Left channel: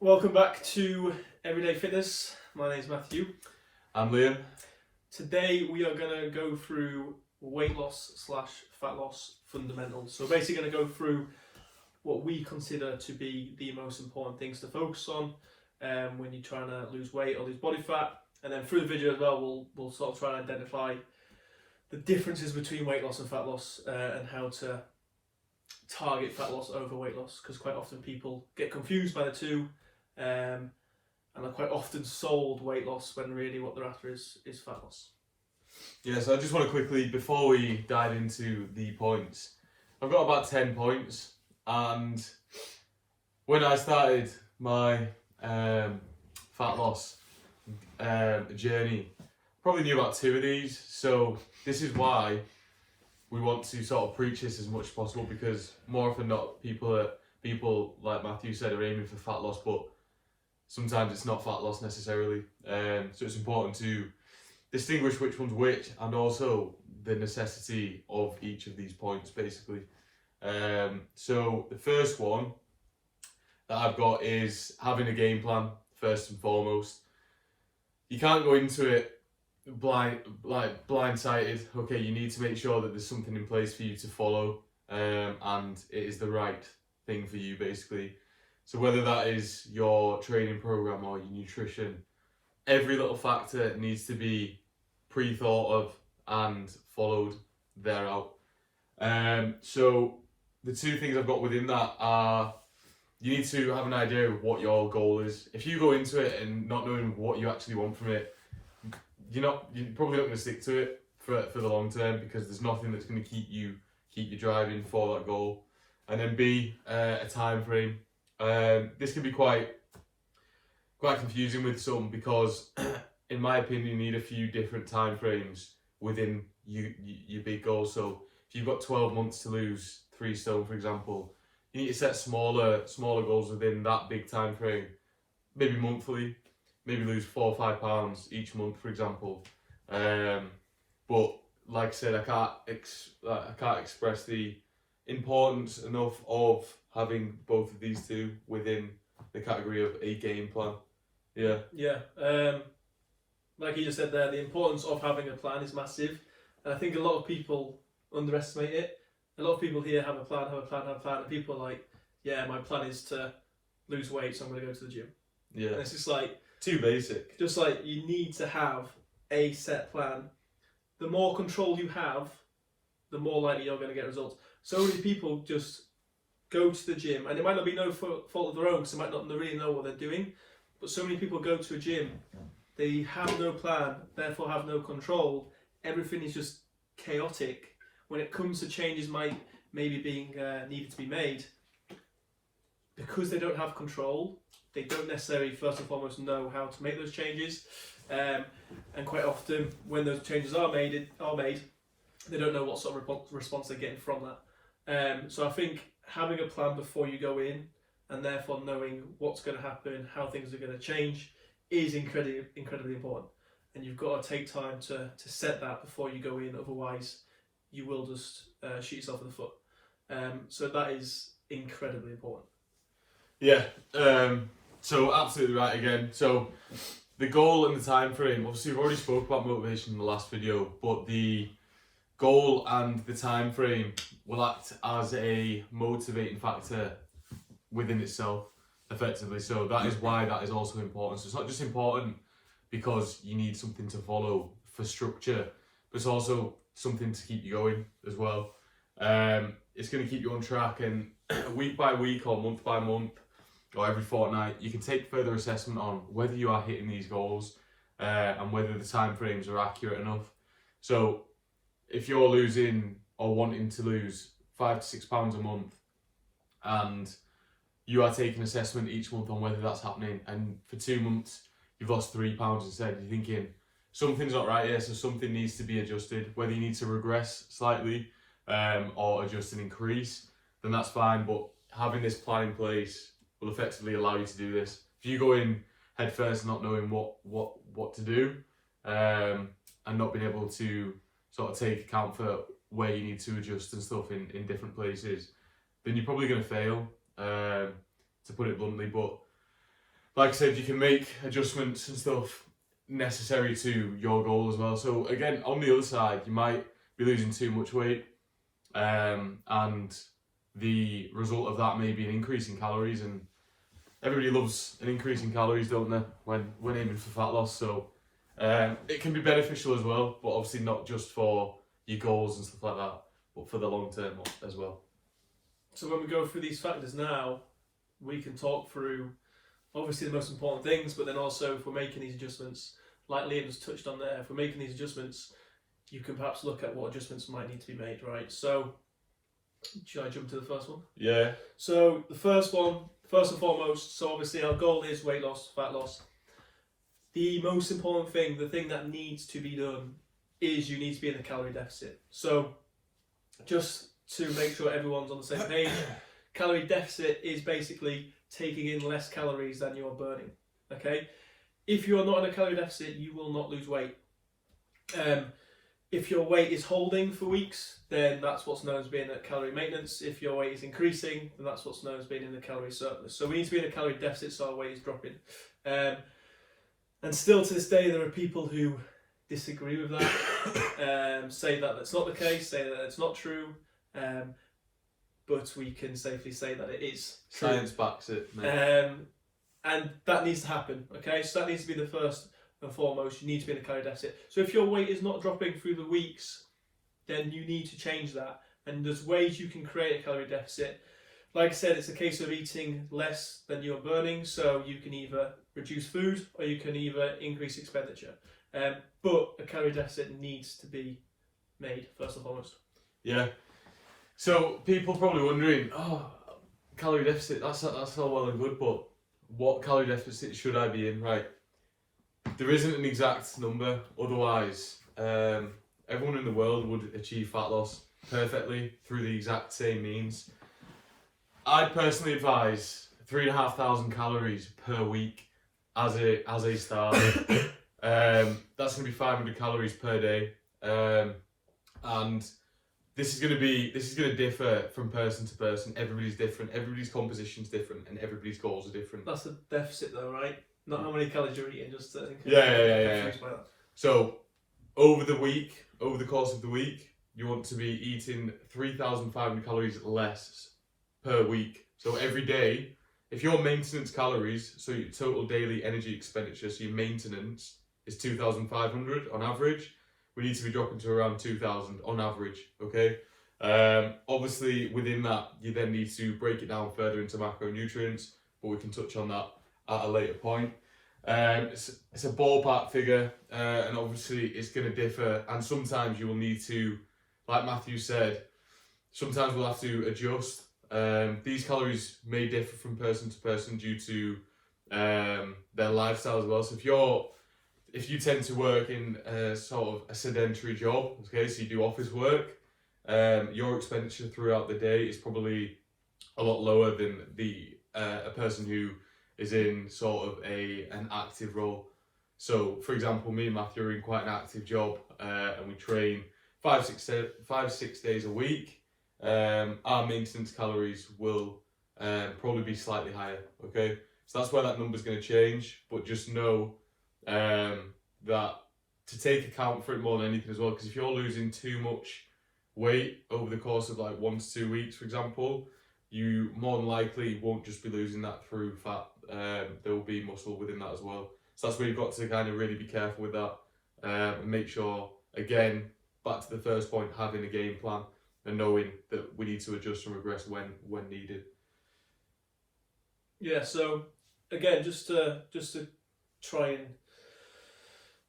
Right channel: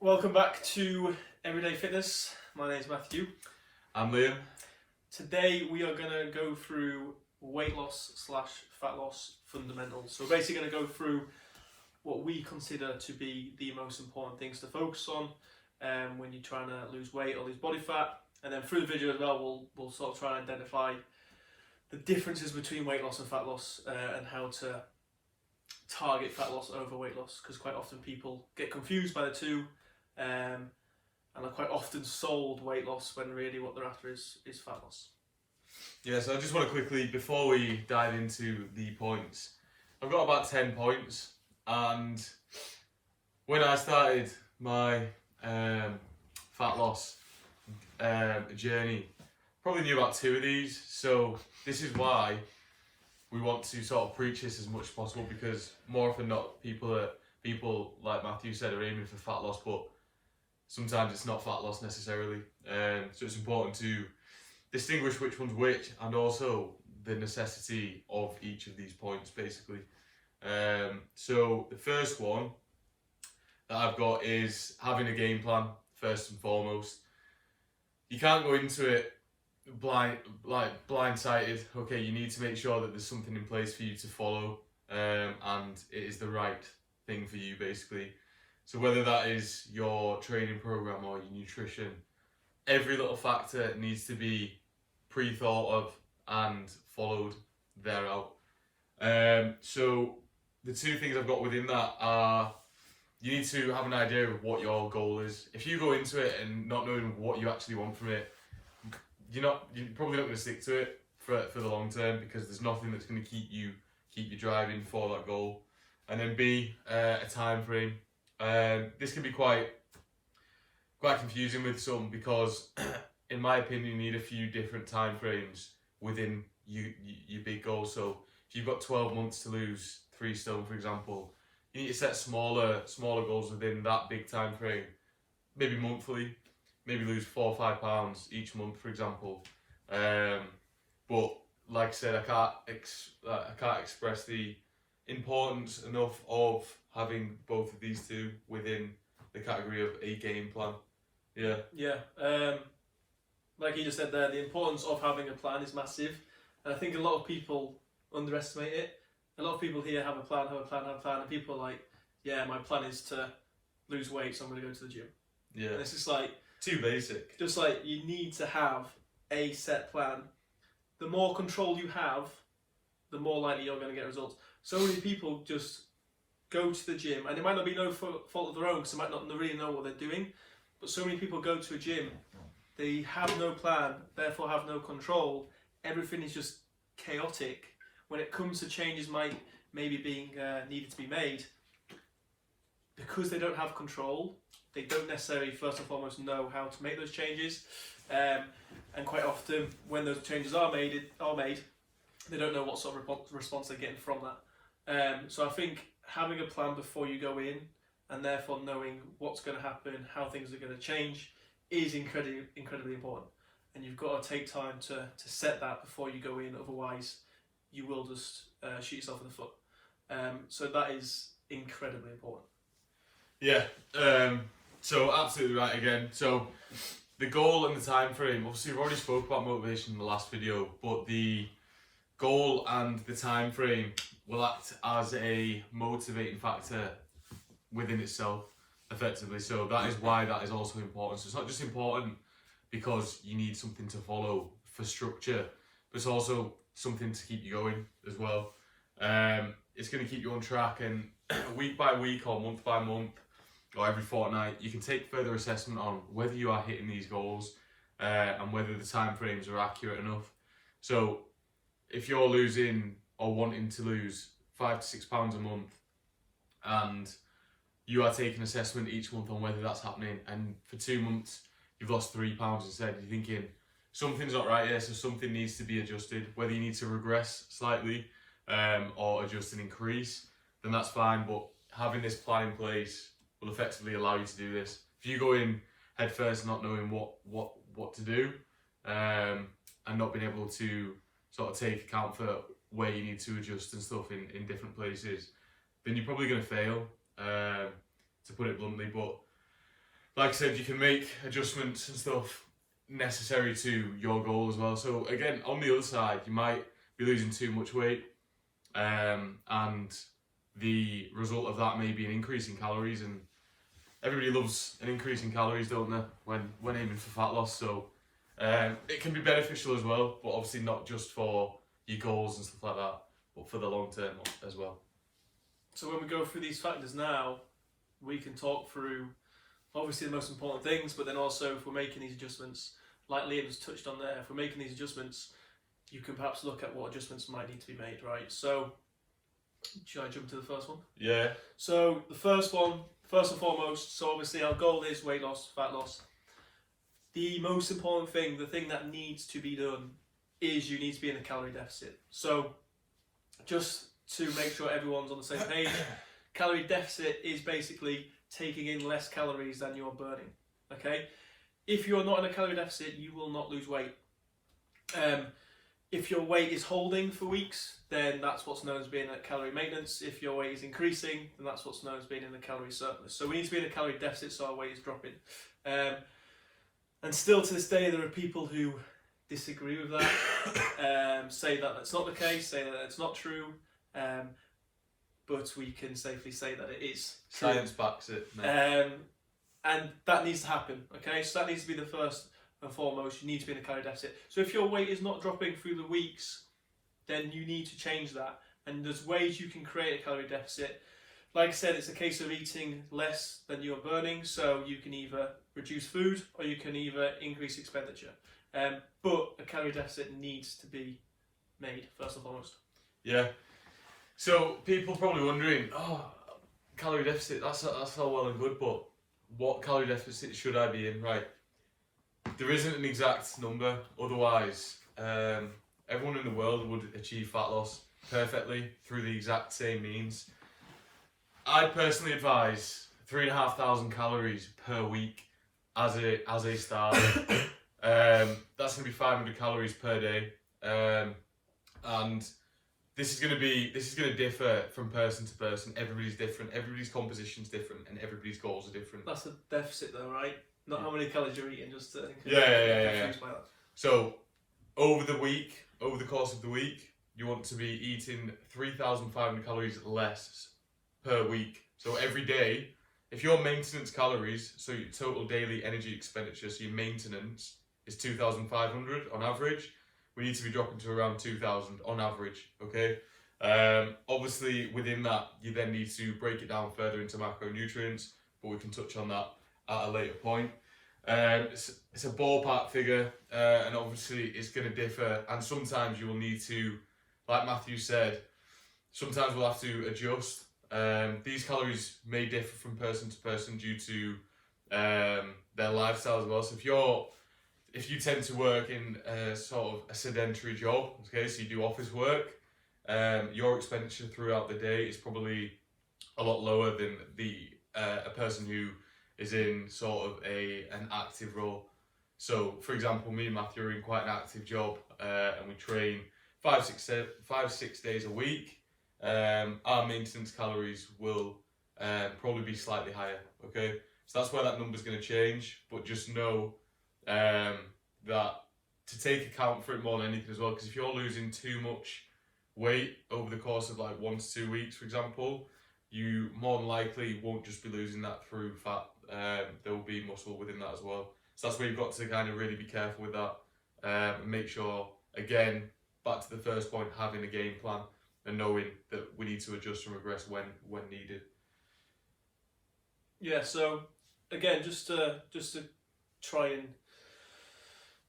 Welcome back to Everyday Fitness. My name is Matthew. I'm Liam. Today we are going to go through weight loss / fat loss fundamentals. So basically going to go through what we consider to be the most important things to focus on when you're trying to lose weight or lose body fat. And then through the video as well, we'll sort of try and identify the differences between weight loss and fat loss and how to target fat loss over weight loss, because quite often people get confused by the two and are quite often sold weight loss when really what they're after is fat loss. Yeah, so I just want to quickly, before we dive into the points, I've got about 10 points, and when I started my fat loss journey, probably knew about 2 of these, so this is why we want to sort of preach this as much as possible, because more often than not, people like Matthew said are aiming for fat loss, but sometimes it's not fat loss necessarily. So it's important to distinguish which one's which, and also the necessity of each of these points, basically. So the first one that I've got is having a game plan, first and foremost. You can't go into it blindsided. Okay, you need to make sure that there's something in place for you to follow, and it is the right thing for you, basically. So whether that is your training program or your nutrition, every little factor needs to be pre-thought of and followed thereout. So the 2 things I've got within that are, you need to have an idea of what your goal is. If you go into it and not knowing what you actually want from it, you're probably not going to stick to it for the long term, because there's nothing that's going to keep you driving for that goal. And then B, a time frame. This can be quite confusing with some, because in my opinion you need a few different time frames within your big goal. So if you've got 12 months to lose 3 stone, for example, you need to set smaller goals within that big time frame, maybe monthly. Maybe lose 4 or 5 pounds each month, for example. But like I said, I can't express the importance enough of having both of these 2 within the category of a game plan. Yeah. Like you just said there, the importance of having a plan is massive, and I think a lot of people underestimate it. A lot of people here have a plan, and people are like, yeah, my plan is to lose weight, so I'm going to go to the gym. Yeah. And it's just like, too basic. Just like, you need to have a set plan. The more control you have, the more likely you're going to get results. So many people just go to the gym, and it might not be no fault of their own, because they might not really know what they're doing, but so many people go to a gym, they have no plan, therefore have no control. Everything is just chaotic. When it comes to changes maybe being needed to be made, because they don't have control, they don't necessarily first and foremost know how to make those changes, and quite often when those changes are made, they don't know what sort of response they're getting from that. So I think having a plan before you go in, and therefore knowing what's going to happen, how things are going to change, is incredibly important. And you've got to take time to set that before you go in, otherwise you will just shoot yourself in the foot. So that is incredibly important. Yeah. So absolutely right again. So the goal and the time frame, obviously we've already spoke about motivation in the last video, but the goal and the time frame will act as a motivating factor within itself, effectively. So that is why that is also important. So it's not just important because you need something to follow for structure, but it's also something to keep you going as well. It's going to keep you on track, and week by week or month by month or every fortnight, you can take further assessment on whether you are hitting these goals and whether the time frames are accurate enough. So if you're losing or wanting to lose 5 to 6 pounds a month, and you are taking assessment each month on whether that's happening, and for 2 months you've lost 3 pounds instead, you're thinking something's not right here, so something needs to be adjusted. Whether you need to regress slightly or adjust and increase, then that's fine. But having this plan in place will effectively allow you to do this. If you go in head first not knowing what to do, and not being able to sort of take account for where you need to adjust and stuff in different places, then you're probably going to fail, to put it bluntly. But like I said, you can make adjustments and stuff necessary to your goal as well. So again, on the other side, you might be losing too much weight, and the result of that may be an increase in calories, and everybody loves an increase in calories, don't they, when aiming for fat loss. So it can be beneficial as well, but obviously not just for your goals and stuff like that, but for the long term as well. So when we go through these factors now, we can talk through obviously the most important things, but then also if we're making these adjustments, like Liam has touched on there, if we're making these adjustments, you can perhaps look at what adjustments might need to be made, right? So, should I jump to the first one? Yeah. So the first one, first and foremost, so obviously our goal is weight loss, fat loss. The most important thing, the thing that needs to be done, is you need to be in a calorie deficit. So just to make sure everyone's on the same page, calorie deficit is basically taking in less calories than you're burning, okay? If you're not in a calorie deficit, you will not lose weight. If your weight is holding for weeks, then that's what's known as being at calorie maintenance. If your weight is increasing, then that's what's known as being in the calorie surplus. So we need to be in a calorie deficit so our weight is dropping. And still to this day, there are people who disagree with that, say that that's not the case, say that it's not true, but we can safely say that it is true. Science backs it, mate. And that needs to happen, okay? So that needs to be the first and foremost. You need to be in a calorie deficit. So if your weight is not dropping through the weeks, then you need to change that. And there's ways you can create a calorie deficit. Like I said, it's a case of eating less than you're burning. So you can either reduce food or you can either increase expenditure. But a calorie deficit needs to be made first and foremost. Yeah. So people are probably wondering, oh, calorie deficit, that's all well and good, but what calorie deficit should I be in? Right. There isn't an exact number, otherwise everyone in the world would achieve fat loss perfectly through the exact same means. I'd personally advise 3,500 calories per week as a start. That's going to be 500 calories per day, and this is going to differ from person to person. Everybody's different. Everybody's composition's different, and everybody's goals are different. That's a deficit, though, right? Not how many calories you're eating, just yeah. So over the course of the week, you want to be eating 3,500 calories less per week. So every day, if your maintenance calories, so your total daily energy expenditure, so your maintenance is 2,500 on average, we need to be dropping to around 2,000 on average, okay? Obviously, within that, you then need to break it down further into macronutrients, but we can touch on that at a later point. It's a ballpark figure, and obviously it's going to differ, and sometimes you will need to, like Matthew said, sometimes we'll have to adjust. These calories may differ from person to person due to their lifestyle as well. So if you tend to work in sort of a sedentary job, okay, so you do office work, your expenditure throughout the day is probably a lot lower than a person who is in sort of an active role. So, for example, me and Matthew are in quite an active job, and we train 5-6 days a week. Our maintenance calories will probably be slightly higher, okay? So that's where that number's going to change, but just know that to take account for it more than anything as well, because if you're losing too much weight over the course of like 1 to 2 weeks, for example, you more than likely won't just be losing that through fat. There will be muscle within that as well. So that's where you've got to kind of really be careful with that, and make sure, again, back to the first point, having a game plan and knowing that we need to adjust and regress when needed. Yeah, so again, just to try and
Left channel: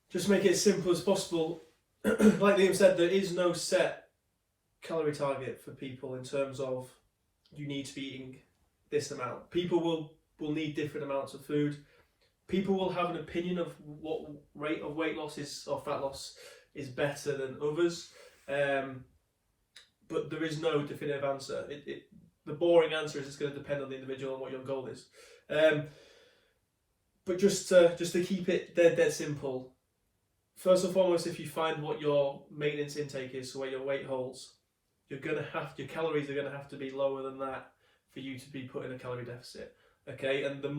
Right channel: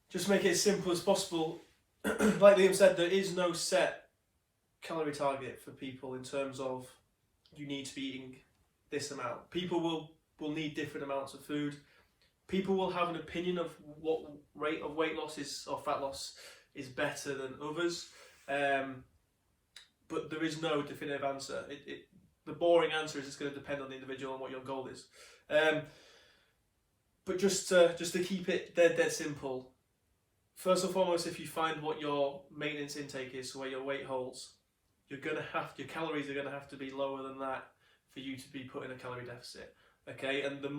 just make it as simple as possible, like Liam said, there is no set calorie target for people in terms of you need to be eating this amount. People will need different amounts of food. People will have an opinion of what rate of weight loss is or fat loss is better than others, but there is no definitive answer. The boring answer is it's going to depend on the individual and what your goal is. But just to keep it dead simple, first and foremost, if you find what your maintenance intake is, so where your weight holds, your calories are going to have to be lower than that for you to be put in a calorie deficit. Okay, and the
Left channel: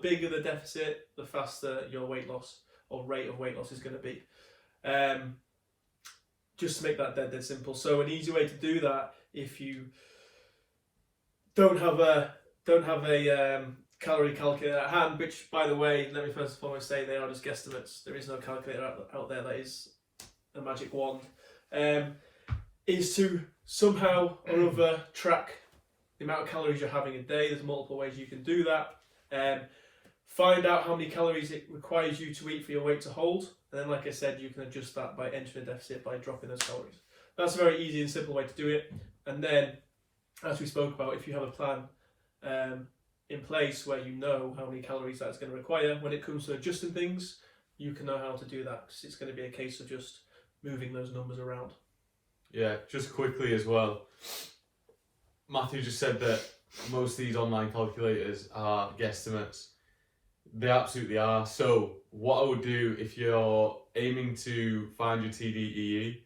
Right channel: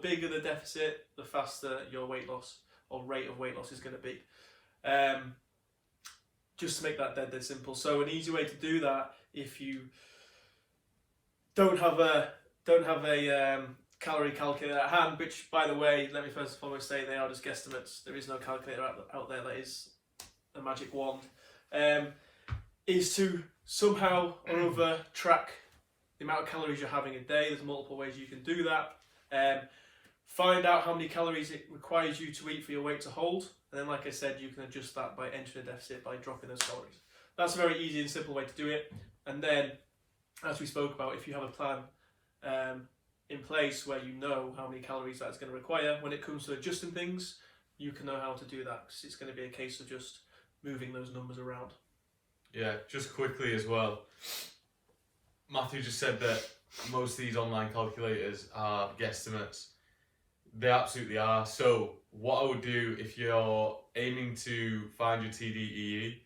bigger the deficit, the faster your weight loss or rate of weight loss is going to be. Just to make that dead simple. So an easy way to do that, if you don't have a calorie calculator at hand, which, by the way, let me first and foremost say they are just guesstimates. There is no calculator out there that is a magic wand. Is to somehow or other track the amount of calories you're having a day. There's multiple ways you can do that. Find out how many calories it requires you to eat for your weight to hold, and then, like I said, you can adjust that by entering a deficit by dropping those calories. That's a very easy and simple way to do it. And then, as we spoke about, if you have a plan in place where you know how many calories that's going to require, when it comes to adjusting things, you can know how to do that, because it's going to be a case of just moving those numbers around. Yeah, just quickly as well, Matthew just said that most of these online calculators are guesstimates. They absolutely are. So what I would do, if you're aiming to find your TDEE,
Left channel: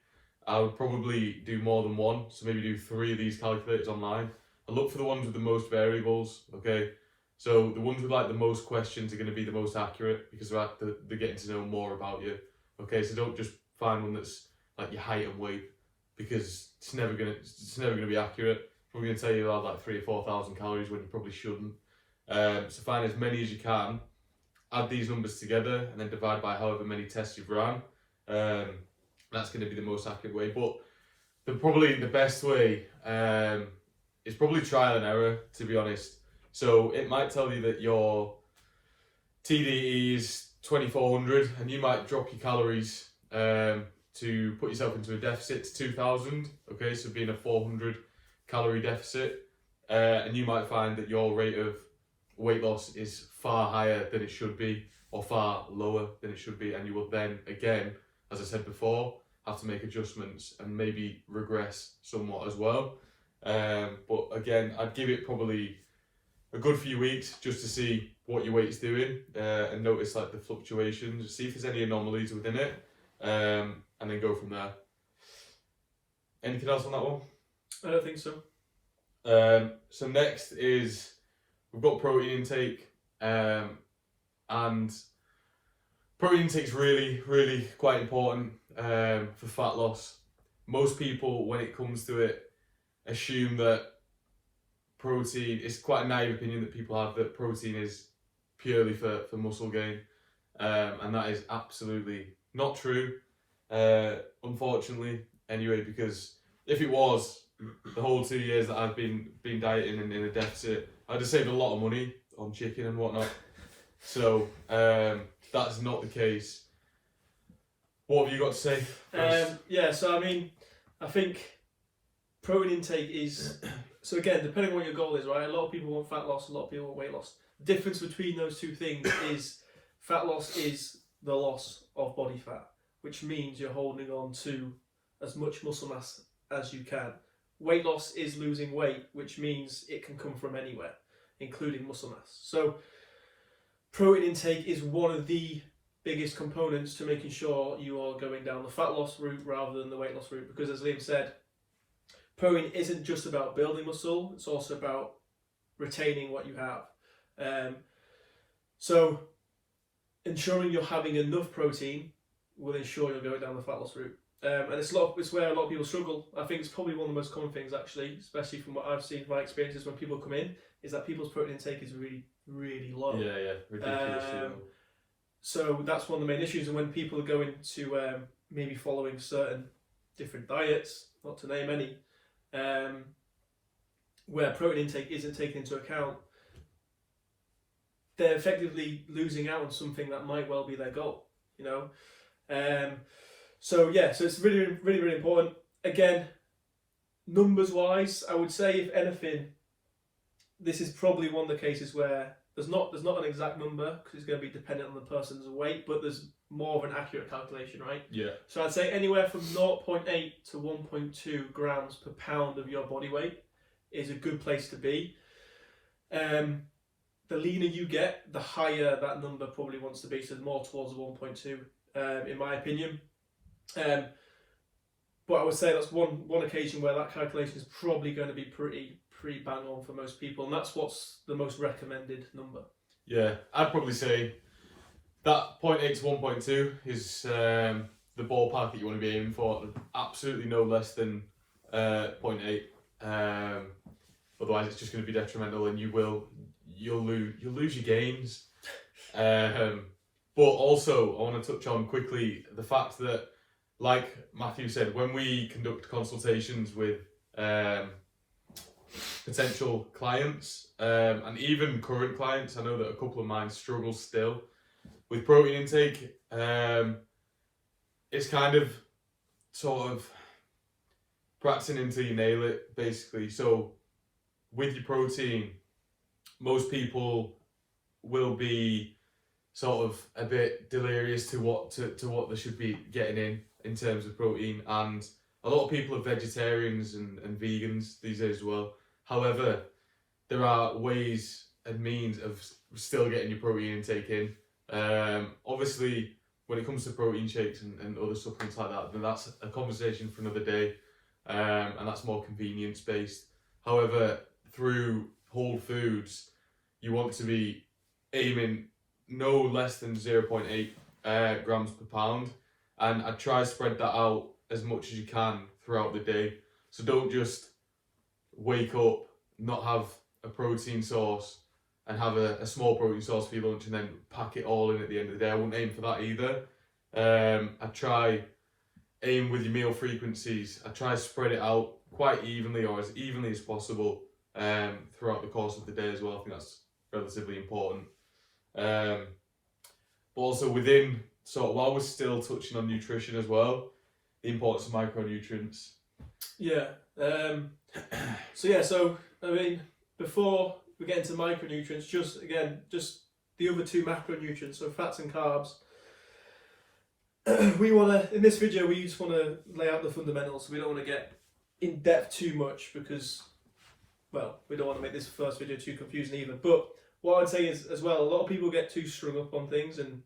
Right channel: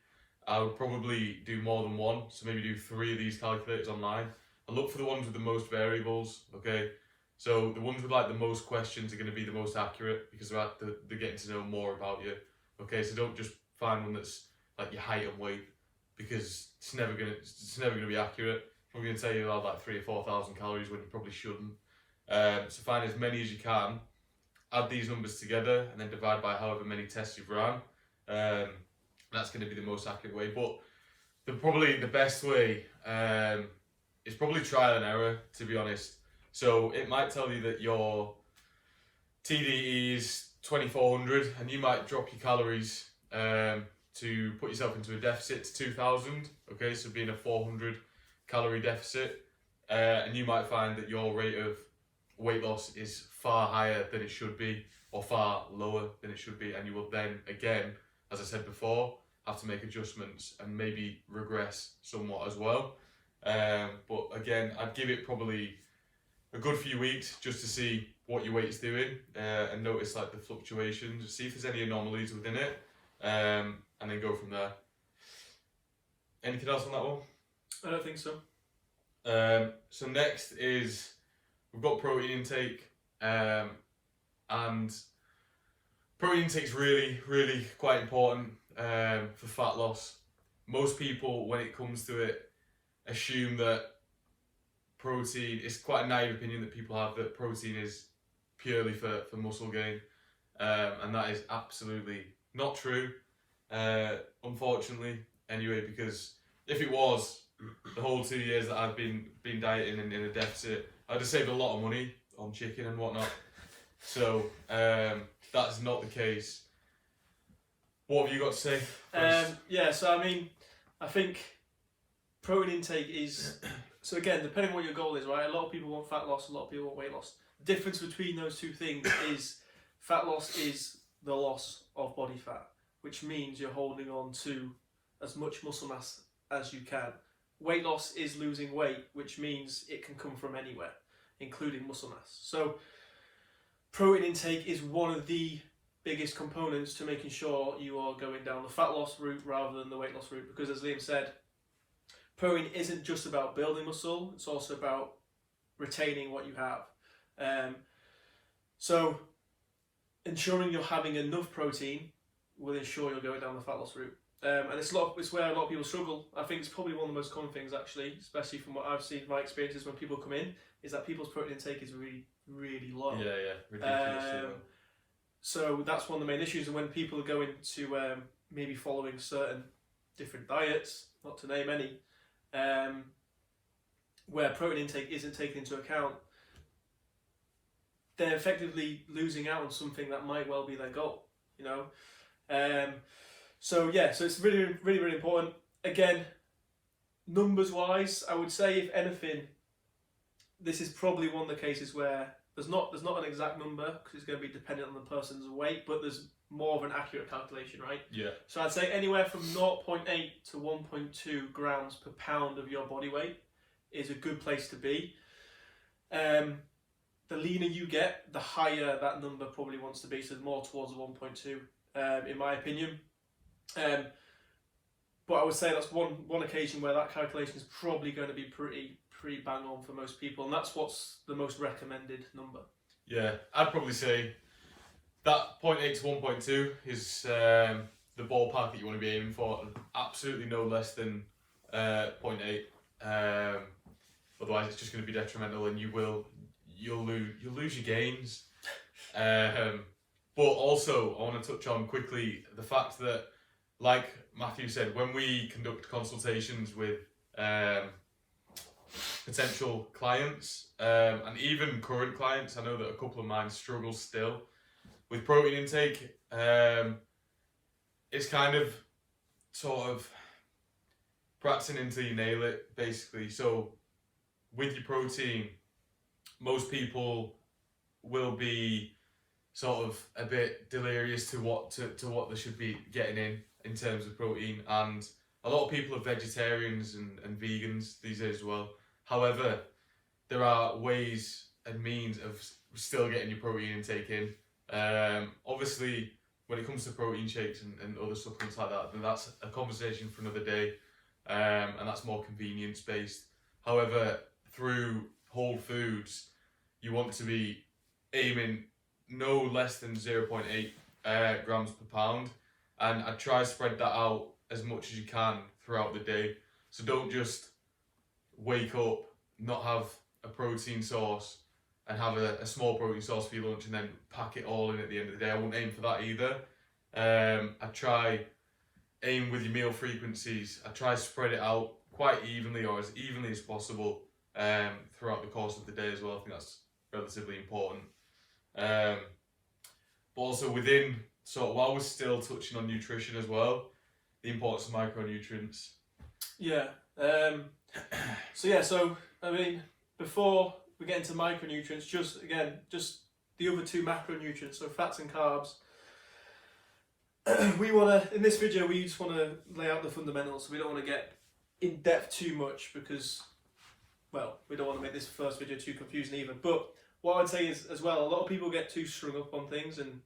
I would probably do more than one. So maybe do 3 of these calculators online. I look for the ones with the most variables, okay? So the ones with like the most questions are going to be the most accurate, because they're getting to know more about you. Okay, so don't just find one that's like your height and weight, because it's never gonna be accurate. We're going to tell you about like 3,000 or 4,000 calories when you probably shouldn't. So find as many as you can, add these numbers together, and then divide by however many tests you've run. That's going to be the most accurate way. But probably the best way is probably trial and error, to be honest. So it might tell you that your TDE is 2,400, and you might drop your calories to put yourself into a deficit to 2,000. Okay, so being a 400 calorie deficit, and you might find that your rate of weight loss is far higher than it should be, or far lower than it should be, and you will then, again, as I said before, have to make adjustments and maybe regress somewhat as well. But again, I'd give it probably a good few weeks just to see what your weight is doing, and notice like the fluctuations, see if there's any anomalies within it, and then go from there. Anything else on that one? I don't think so. So next is, we've got protein intake, and protein intake is really quite important for fat loss. Most people, when it comes to it, assume that protein, it's quite a naive opinion that people have, that protein is purely for muscle gain, and that is absolutely not true, unfortunately, anyway, because if it was, the whole 2 years that I've been dieting and in a deficit, I'd have saved a lot of money on chicken and whatnot. So that's not the case. What have you got to say first? Yeah, so I mean, I think protein intake is, so again, depending on what your goal is, right? A lot of people want fat loss, a lot of people want weight loss. The difference between those two things is fat loss is the loss of body fat, which means you're holding on to as much muscle mass as you can. Weight loss is losing weight, which means it can come from anywhere, including muscle mass. So protein intake is one of the biggest components to making sure you are going down the fat loss route rather than the weight loss route, because as Liam said, protein isn't just about building muscle, it's also about retaining what you have. So ensuring you're having enough protein will ensure you're going down the fat loss route. And it's where a lot of people struggle. I think it's probably one of the most common things, actually, especially from what I've seen, my experiences when people come in, is that people's protein intake is really low. Yeah, ridiculous. So that's one of the main issues. And when people are going to maybe following certain different diets, not to name any, where protein intake isn't taken into account, they're effectively losing out on something that might well be their goal, you know. So it's really important. Again, numbers wise, I would say, if anything, this is probably one of the cases where there's not an exact number, because it's going to be dependent on the person's weight, but there's more of an accurate calculation, right? Yeah. So I'd say anywhere from 0.8 to 1.2 grams per pound of your body weight is a good place to be. The leaner you get, the higher that number probably wants to be, so more towards the 1.2, in my opinion. But I would say that's one occasion where that calculation is probably going to be pretty bang on for most people, and that's what's the most recommended number. Yeah, I'd probably say that 0.8 to 1.2 is the ballpark that you want to be aiming for. Absolutely no less than 0.8. Otherwise, it's just going to be detrimental, and you'll lose your gains. But also, I want to touch on quickly the fact that, like Matthew said, when we conduct consultations with potential clients and even current clients, I know that a couple of mine struggle still with protein intake. It's kind of sort of practicing until you nail it, basically. So with your protein, most people will be sort of a bit delirious to what they should be getting in terms of protein, and a lot of people are vegetarians and vegans these days as well. However, there are ways and means of still getting your protein intake in. Obviously, when it comes to protein shakes and other supplements like that, then that's a conversation for another day, and that's more convenience based. However, through whole foods, you want to be aiming no less than 0.8 grams per pound, and I try to spread that out as much as you can throughout the day. So don't just wake up, not have a protein source, and have a small protein source for your lunch and then pack it all in at the end of the day. I wouldn't aim for that either. I try aim with your meal frequencies. I try to spread it out quite evenly, or as evenly as possible, throughout the course of the day as well. I think that's relatively important. But also within, so while we're still touching on nutrition as well, the importance of micronutrients. Yeah. So I mean, before we get into micronutrients, just the other two macronutrients, so fats and carbs. In this video, we just want to lay out the fundamentals. So we don't want to get in depth too much because, well, we don't want to make this first video too confusing either. But what I'd say is, as well, a lot of people get too strung up on things, and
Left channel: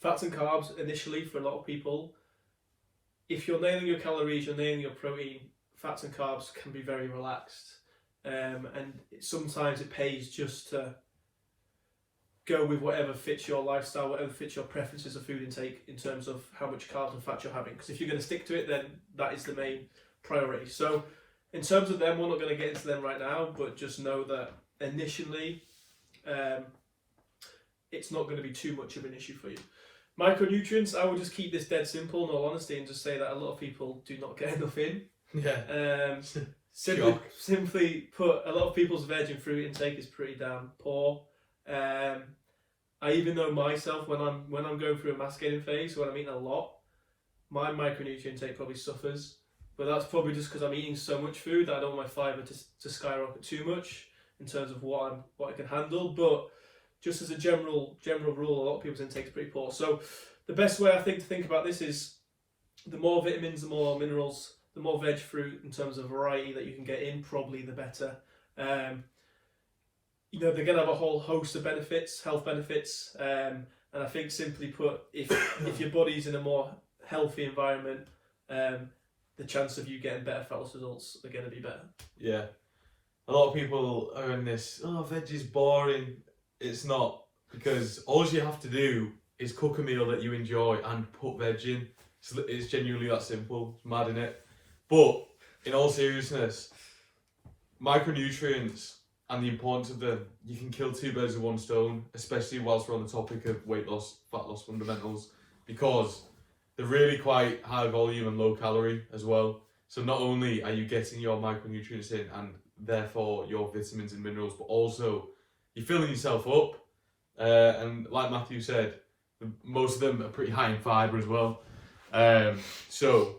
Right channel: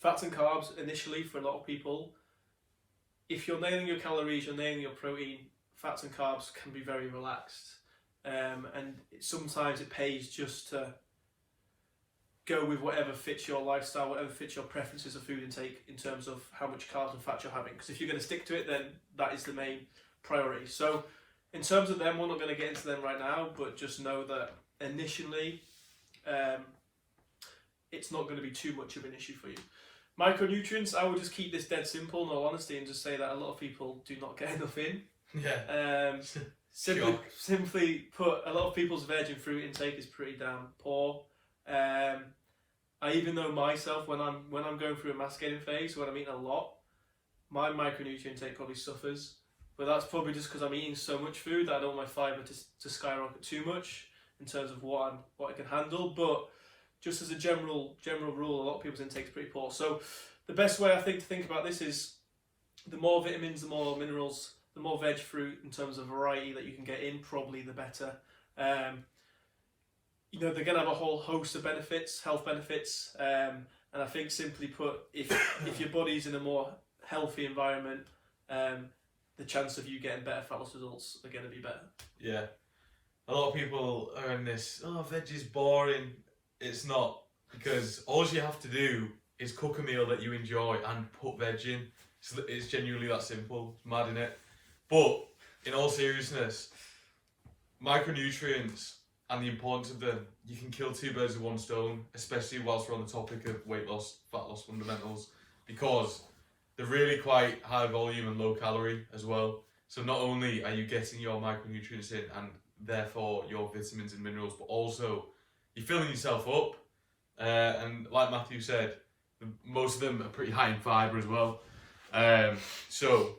fats and carbs initially for a lot of people, if you're nailing your calories, you're nailing your protein, fats and carbs can be very relaxed. And sometimes it pays just to go with whatever fits your lifestyle, whatever fits your preferences of food intake in terms of how much carbs and fats you're having. Because if you're going to stick to it, then that is the main priority. So in terms of them, we're not going to get into them right now, but just know that initially it's not going to be too much of an issue for you. Micronutrients, I would just keep this dead simple in all honesty and just say that a lot of people do not get enough in. Yeah. Simply put, a lot of people's veg and fruit intake is pretty damn poor. I even know myself, when I'm going through a masticating phase, when I'm eating a lot, my micronutrient intake probably suffers. But that's probably just because I'm eating so much food that I don't want my fibre to skyrocket too much in terms of what I can handle. But just as a general rule, a lot of people's intake is pretty poor. So the best way I think to think about this is the more vitamins, the more minerals, the more veg fruit in terms of variety that you can get in, probably the better. They're going to have a whole host of benefits, health benefits, and I think simply put, if your body's in a more healthy environment, the chance of you getting better fat loss results are going to be better. Yeah, a lot of people are in this, veg is boring. It's not, because all you have to do is cook a meal that you enjoy and put veg in. It's genuinely that simple. It's mad, innit? But in all seriousness, micronutrients and the importance of them, you can kill two birds with one stone, especially whilst we're on the topic of weight loss, fat loss fundamentals, because they're really quite high volume and low calorie as well. So not only are you getting your micronutrients in and therefore your vitamins and minerals, but also you're filling yourself up. And like Matthew said, most of them are pretty high in fibre as well. So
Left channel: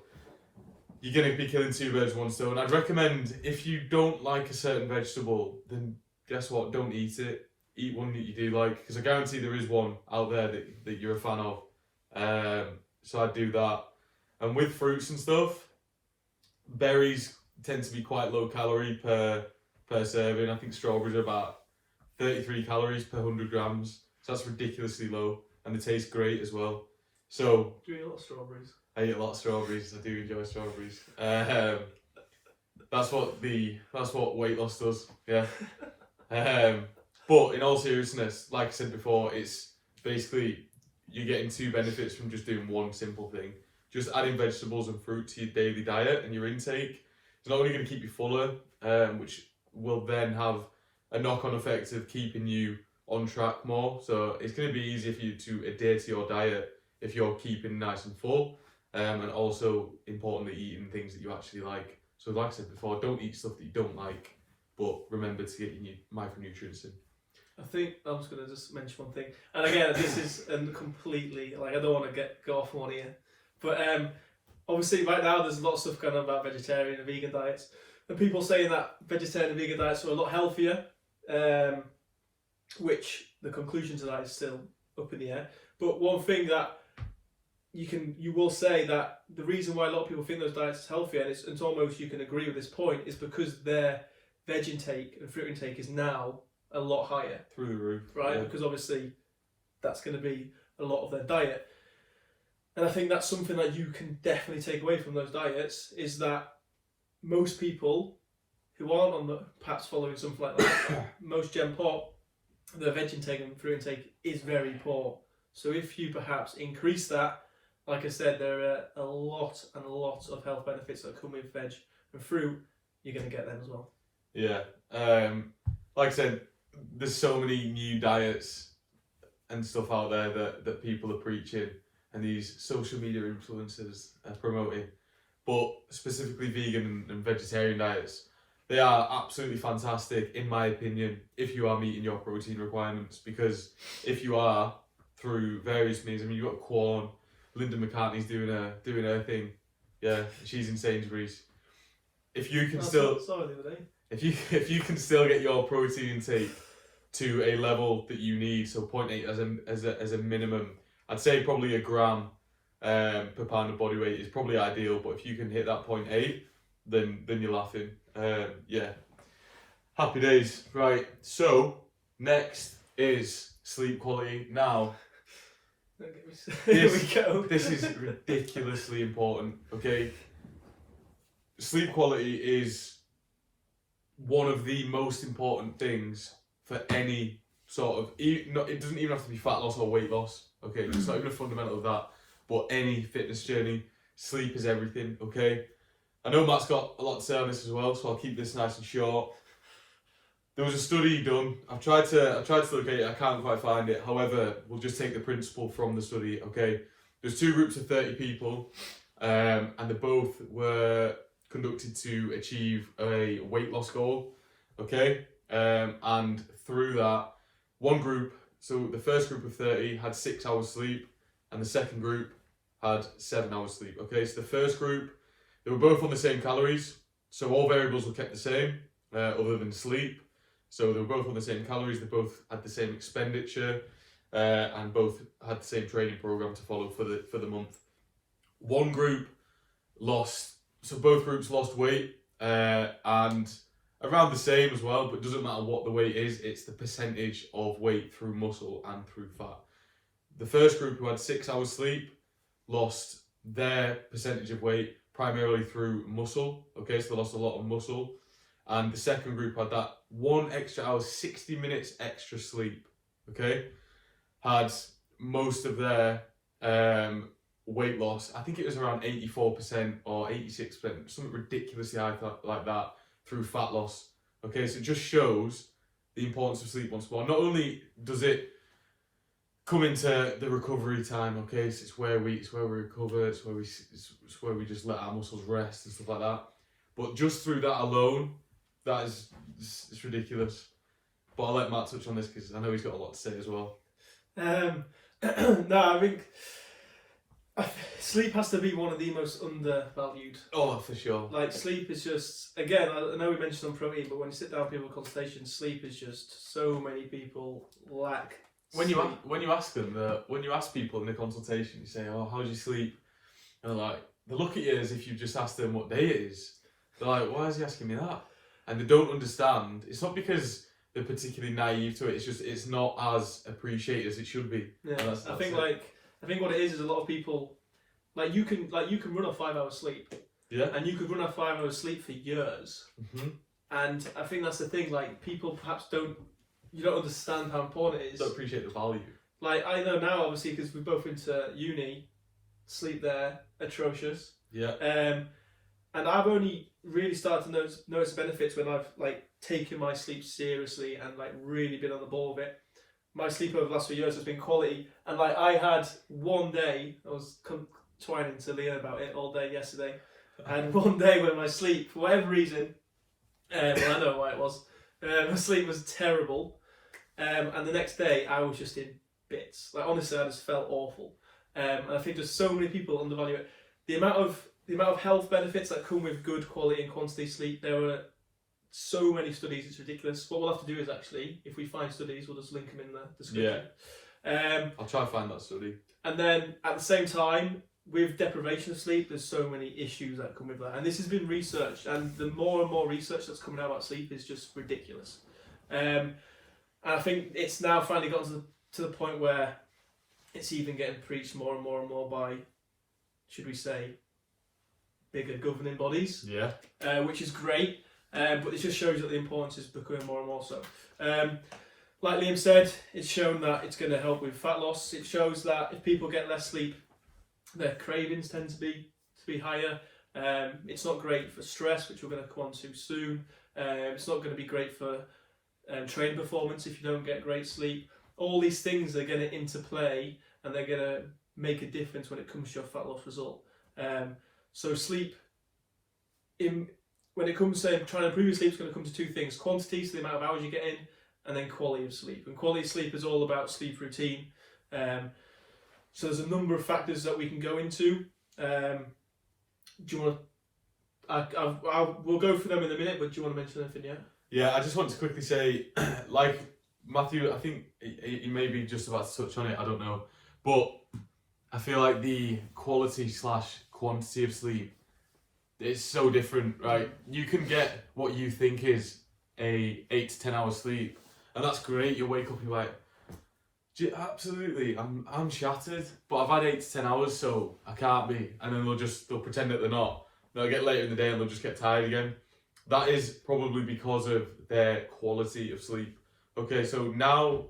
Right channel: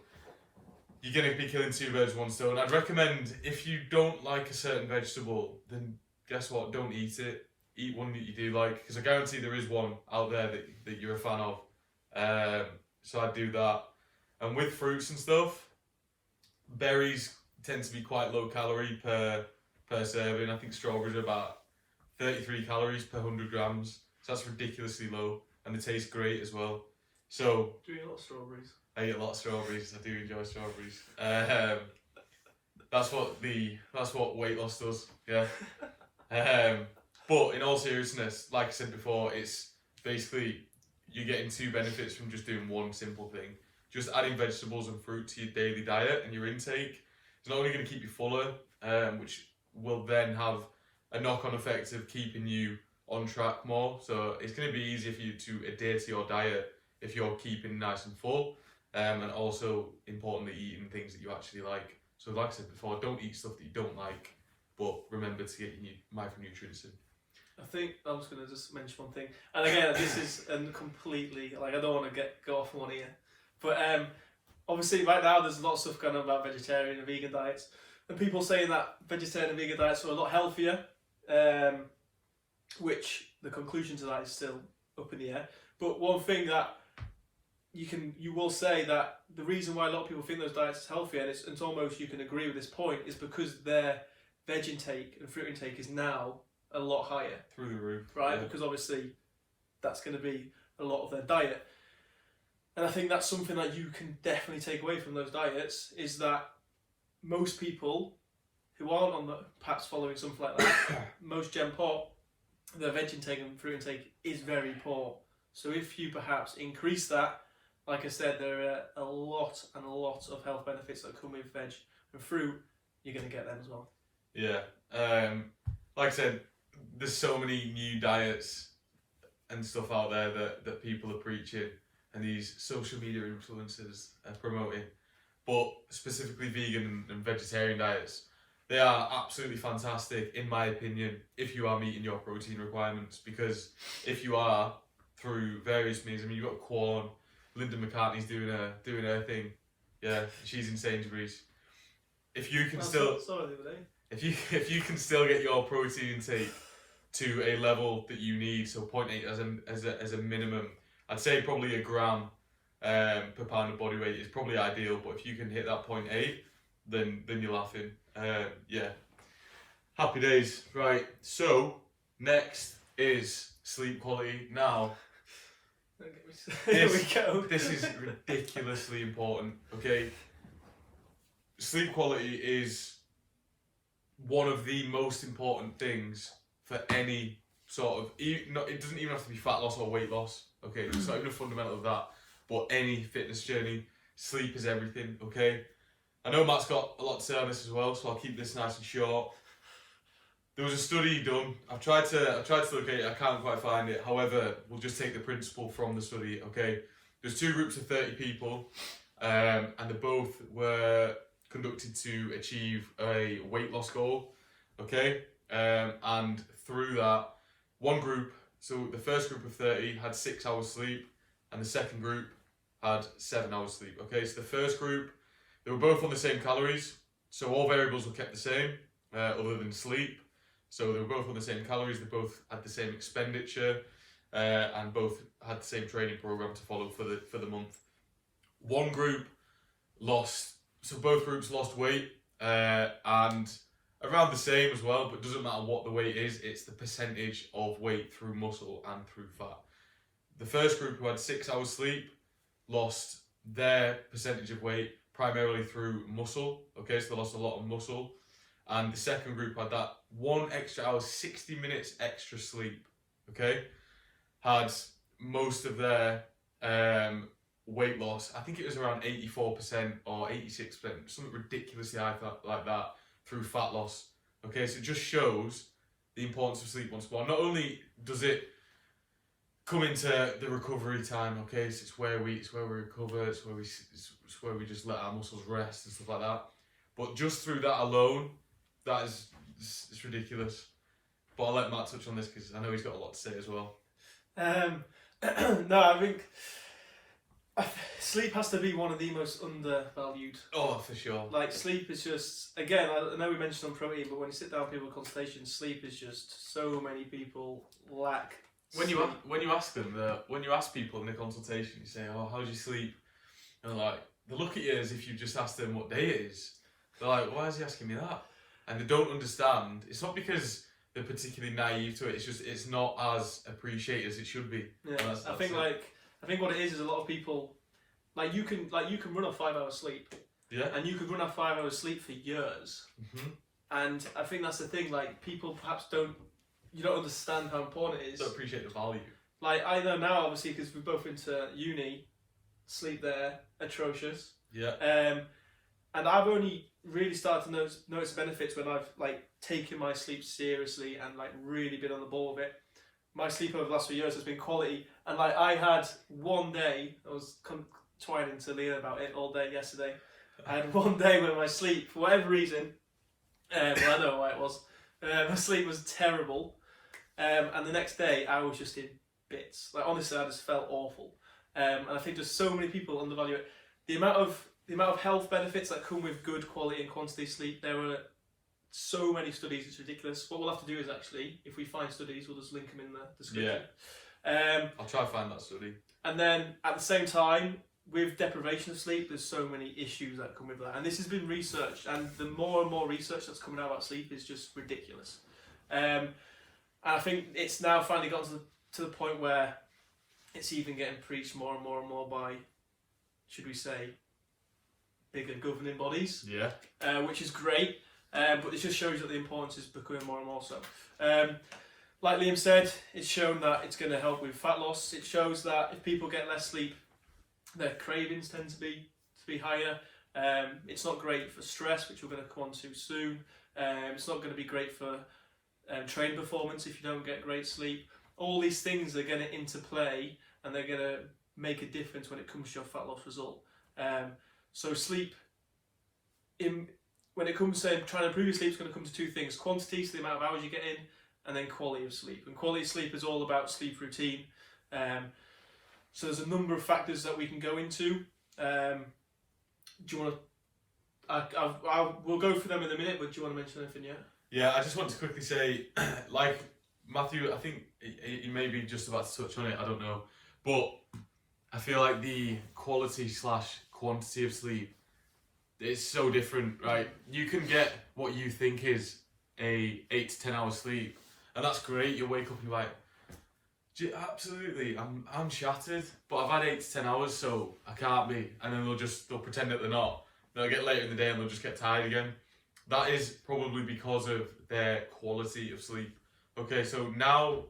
you're going to be killing two birds with one stone. I'd recommend, if you don't like a certain vegetable, then guess what? Don't eat it. Eat one that you do like, because I guarantee there is one out there that you're a fan of. So I'd do that. And with fruits and stuff, berries tend to be quite low calorie per serving. I think strawberries are about 33 calories per 100 grams. So that's ridiculously low, and they taste great as well. So do you eat a lot of strawberries? I eat a lot of strawberries. I do enjoy strawberries. That's what weight loss does. Yeah. But in all seriousness, like I said before, it's basically you're getting two benefits from just doing one simple thing. Just adding vegetables and fruit to your daily diet and your intake. It's not only going to keep you fuller, which will then have a knock-on effect of keeping you on track more. So it's going to be easier for you to adhere to your diet if you're keeping nice and full, and also importantly eating things that you actually like. So like I said before, don't eat stuff that you don't like, but remember to get your micronutrients in. I think I'm just going to just mention one thing, and again, this is completely like I don't want to go off one ear, but obviously right now there's a lot of stuff going on about vegetarian and vegan diets, and people saying that vegetarian and vegan diets are a lot healthier, which the conclusion to that is still up in the air. But one thing that you will say that the reason why a lot of people think those diets are healthier, and it's almost you can agree with this point, is because their veg intake and fruit intake is now a lot higher. Through the roof. Right? Yeah. Because obviously that's going to be a lot of their diet. And I think that's something that you can definitely take away from those diets, is that most people who aren't on the perhaps following something like that, most Gen Pop, their veg intake and fruit intake is very poor. So if you perhaps increase that, like I said, there are a lot of health benefits that come with veg and fruit. You're going to get them as well. Yeah. Like I said, there's so many new diets and stuff out there that people are preaching and these social media influencers are promoting. But specifically vegan and vegetarian diets, they are absolutely fantastic, in my opinion, if you are meeting your protein requirements. Because if you are, through various means, I mean, you've got Quorn, Linda McCartney's doing her thing. Yeah, she's in Sainsbury's. If you can if you can still get your protein intake to a level that you need, so 0.8 as a minimum, I'd say probably a gram per pound of body weight is probably ideal. But if you can hit that 0.8, then you're laughing. Yeah, happy days. Right, so next is sleep quality. Now, Here we go. This is ridiculously important. Okay, sleep quality is one of the most important things for any sort of, it doesn't even have to be fat loss or weight loss, okay? It's not even a fundamental of that, but any fitness journey, sleep is everything, okay? I know Matt's got a lot to say on this as well, so I'll keep this nice and short. There was a study done. I've tried to look at it, I can't quite find it. However, we'll just take the principle from the study, okay? There's two groups of 30 people, and they both were conducted to achieve a weight loss goal, okay? And through that, one group, so the first group of 30 had 6 hours sleep, and the second group had 7 hours sleep, okay? So the first group, they were both on the same calories, so all variables were kept the same, other than sleep. So they were both on the same calories, they both had the same expenditure, and both had the same training program to follow for the month. One group both groups lost weight, and around the same as well, but it doesn't matter what the weight is, it's the percentage of weight through muscle and through fat. The first group, who had 6 hours sleep, lost their percentage of weight primarily through muscle, okay, so they lost a lot of muscle. And the second group had that 1 extra hour, 60 minutes extra sleep, okay, had most of their weight loss, I think it was around 84% or 86%, something ridiculously high like that, through fat loss. Okay, so it just shows the importance of sleep once more. Not only does it come into the recovery time, okay, so it's where we recover, it's where we just let our muscles rest and stuff like that. But just through that alone, it's ridiculous. But I'll let Matt touch on this because I know he's got a lot to say as well. No, I think sleep has to be one of the most undervalued. Oh, for sure. Like, sleep is just, again, I know we mentioned on protein, but when you sit down with people in consultation, sleep is just, so many people lack When sleep. you ask people in the consultation, you say, "Oh, how do you sleep?" And they look at you as if you've just asked them what day it is. They're like, "Why is he asking me that?" And they don't understand. It's not because they're particularly naive to it. It's just it's not as appreciated as it should be. Yeah, I think what it is a lot of people, you can run on 5 hours sleep, Yeah. And you could run off 5 hours sleep for years. Mm-hmm. And I think that's the thing, like, people perhaps don't understand how important it is. Don't appreciate the value. Like, I know now, obviously, because we're both into uni, sleep there, atrocious. Yeah. And I've only really started to notice benefits when I've, like, taken my sleep seriously and, like, really been on the ball with it. My sleep over the last few years has been quality. And, like, I had one day, I was twining to Leah about it all day yesterday. I had one day where my sleep, for whatever reason, well, I know why it was, my sleep was terrible. And the next day, I was just in bits. Like, honestly, I just felt awful. And I think there's so many people undervalue it. The amount of health benefits that come with good quality and quantity sleep, there were so many studies, it's ridiculous. What we'll have to do is actually, if we find studies, we'll just link them in the description. Yeah. I'll try to find that study. And then at the same time, with deprivation of sleep, there's so many issues that come with that. And this has been researched, and the more and more research that's coming out about sleep is just ridiculous. And I think it's now finally gotten to the point where it's even getting preached more and more and more by, should we say, bigger governing bodies. Yeah. Which is great, but it just shows you that the importance is becoming more and more so. Like Liam said, it's shown that it's going to help with fat loss. It shows that if people get less sleep, their cravings tend to be higher. It's not great for stress, which we're going to come on to soon. It's not going to be great for training performance if you don't get great sleep. All these things are going to interplay, and they're going to make a difference when it comes to your fat loss result. So sleep, when it comes to trying to improve your sleep, it's going to come to two things: quantity, so the amount of hours you get in, and then quality of sleep. And quality of sleep is all about sleep routine. So there's a number of factors that we can go into. Do you want to? We'll go through them in a minute, but do you want to mention anything yet? Yeah, I just want to quickly say, like Matthew, I think he may be just about to touch on it, I don't know. But I feel like the quality/quantity of sleep is so different, right? You can get what you think is a 8 to 10 hours sleep, and that's great. You wake up and you're like, absolutely, I'm shattered, but I've had 8 to 10 hours, so I can't be. And then they'll pretend that they're not. They'll get later in the day and they'll just get tired again. That is probably because of their quality of sleep. Okay, so now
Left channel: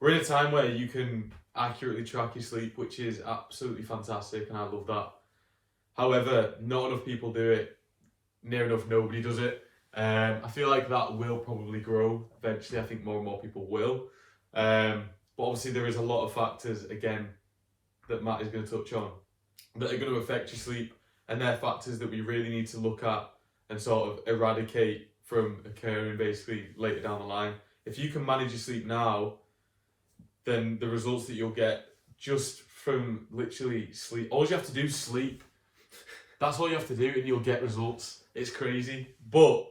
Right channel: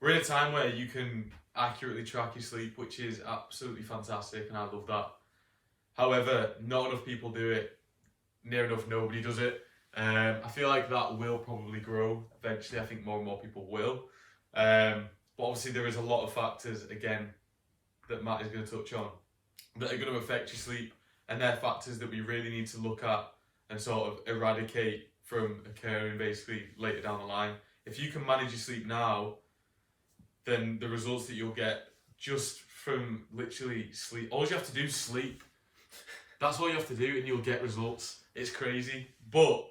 we're in a time where you can accurately track your sleep, which is absolutely fantastic, and I love that. However, not enough people do it. Near enough nobody does it. I feel like that will probably grow eventually. I think more and more people will. But obviously there is a lot of factors, again, that Matt is going to touch on, that are going to affect your sleep, and they're factors that we really need to look at and sort of eradicate from occurring basically later down the line. If you can manage your sleep now, then the results that you'll get just from literally sleep, all you have to do is sleep. That's all you have to do and you'll get results. It's crazy. But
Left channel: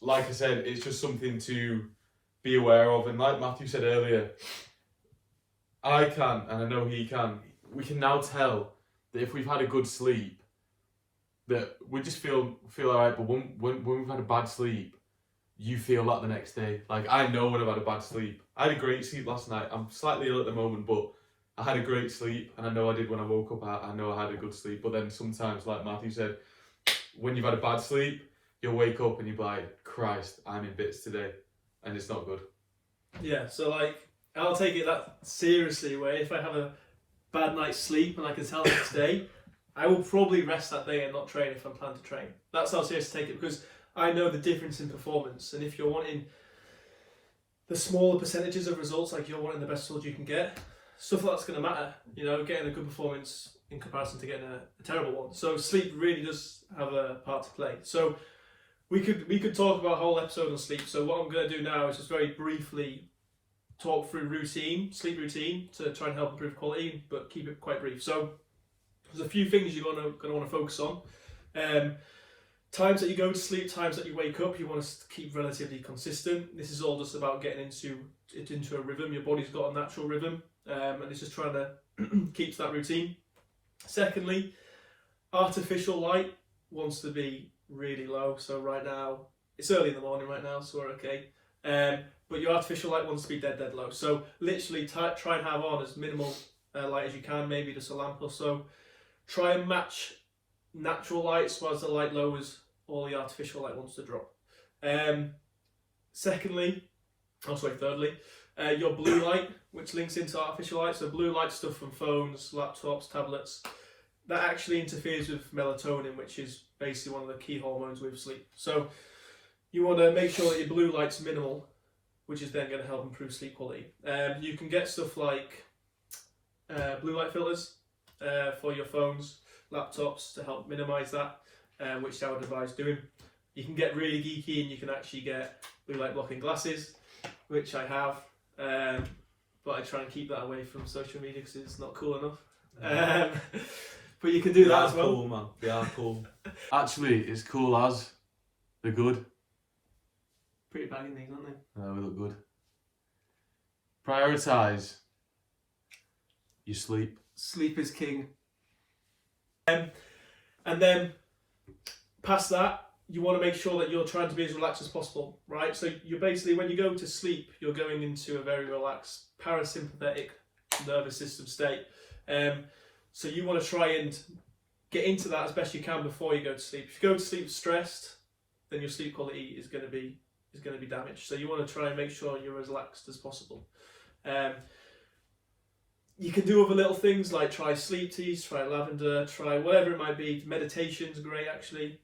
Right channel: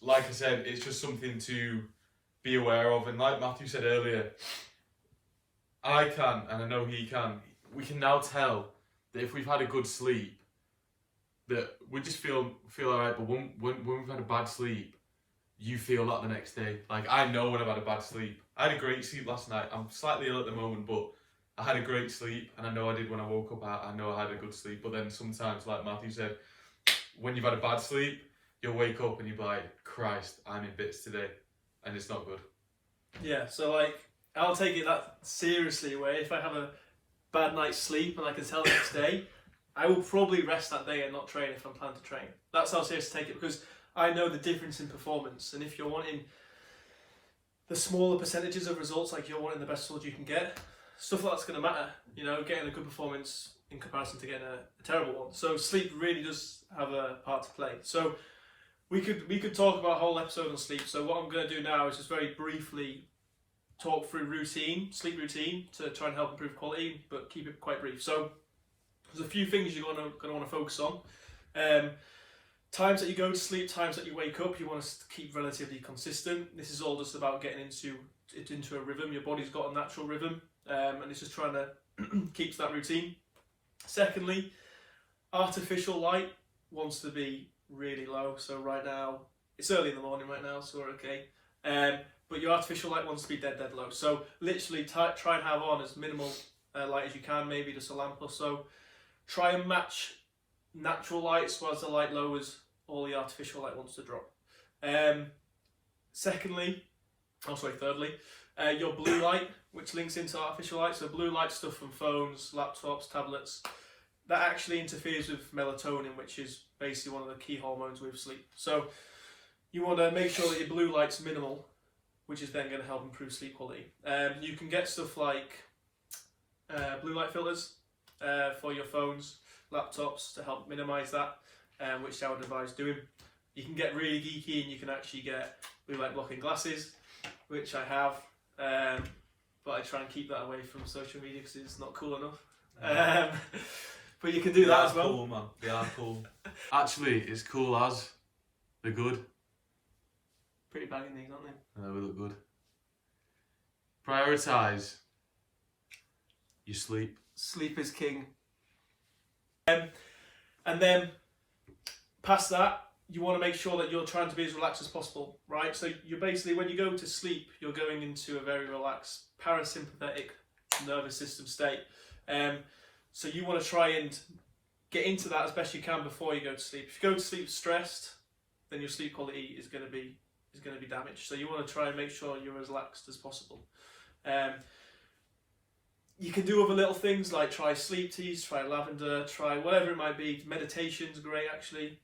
like I said, it's just something to be aware of. And like Matthew said earlier, I can, and I know he can, we can now tell that if we've had a good sleep, that we just feel alright. But when we've had a bad sleep, you feel that the next day. Like, I know when I've had a bad sleep. I had a great sleep last night. I'm slightly ill at the moment, but I had a great sleep, and I know I did when I woke up. I know I had a good sleep. But then sometimes, like Matthew said, when you've had a bad sleep, you'll wake up and you'll be like, Christ, I'm in bits today, and it's not good. Yeah, so like, I'll take it that seriously, where if I have a bad night's sleep and I can tell the next day, I will probably rest that day and not train if I'm planning to train. That's how serious I take it, because I know the difference in performance, and if you're wanting the smaller percentages of results, like you're wanting the best results you can get, stuff like that's going to matter. You know, getting a good performance in comparison to getting a terrible one. So sleep really does have a part to play. So we could talk about a whole episode on sleep. So what I'm going to do now is just very briefly talk through sleep routine, to try and help improve quality, but keep it quite brief. So there's a few things you're going to want to focus on. Times that you go to sleep, times that you wake up, you want to keep relatively consistent. This is all just about getting into a rhythm. Your body's got a natural rhythm, and it's just trying to keep that routine. Secondly, artificial light wants to be really low. So right now, it's early in the morning right now, so we're okay. But your artificial light wants to be dead low. So literally try and have on as minimal light as you can, maybe just a lamp or so. Try and match natural light, so as the light lowers, all the artificial light wants to drop. Thirdly, your blue light, which links into artificial light. So blue light stuff from phones, laptops, tablets, that actually interferes with melatonin, which is basically one of the key hormones with sleep. So you want to make sure that your blue light's minimal, which is then going to help improve sleep quality. You can get stuff like blue light filters for your phones, laptops to help minimize that, which I would advise doing. You can get really geeky and you can actually get blue light blocking glasses, which I have, but I try and keep that away from social media because it's not cool enough. But you can do that as well. Cool, man. They are cool. Actually, it's cool as they're good. Pretty banging these, aren't they? We look good. Prioritise your sleep. Sleep is king. And then past that, you want to make sure that you're trying to be as relaxed as possible, right? So you're basically, when you go to sleep, you're going into a very relaxed parasympathetic nervous system state. So you want to try and get into that as best you can before you go to sleep. If you go to sleep stressed, then your sleep quality is going to be damaged. So you want to try and make sure you're as relaxed as possible. You can do other little things like try sleep teas, try lavender, try whatever it might be. Meditation's great actually.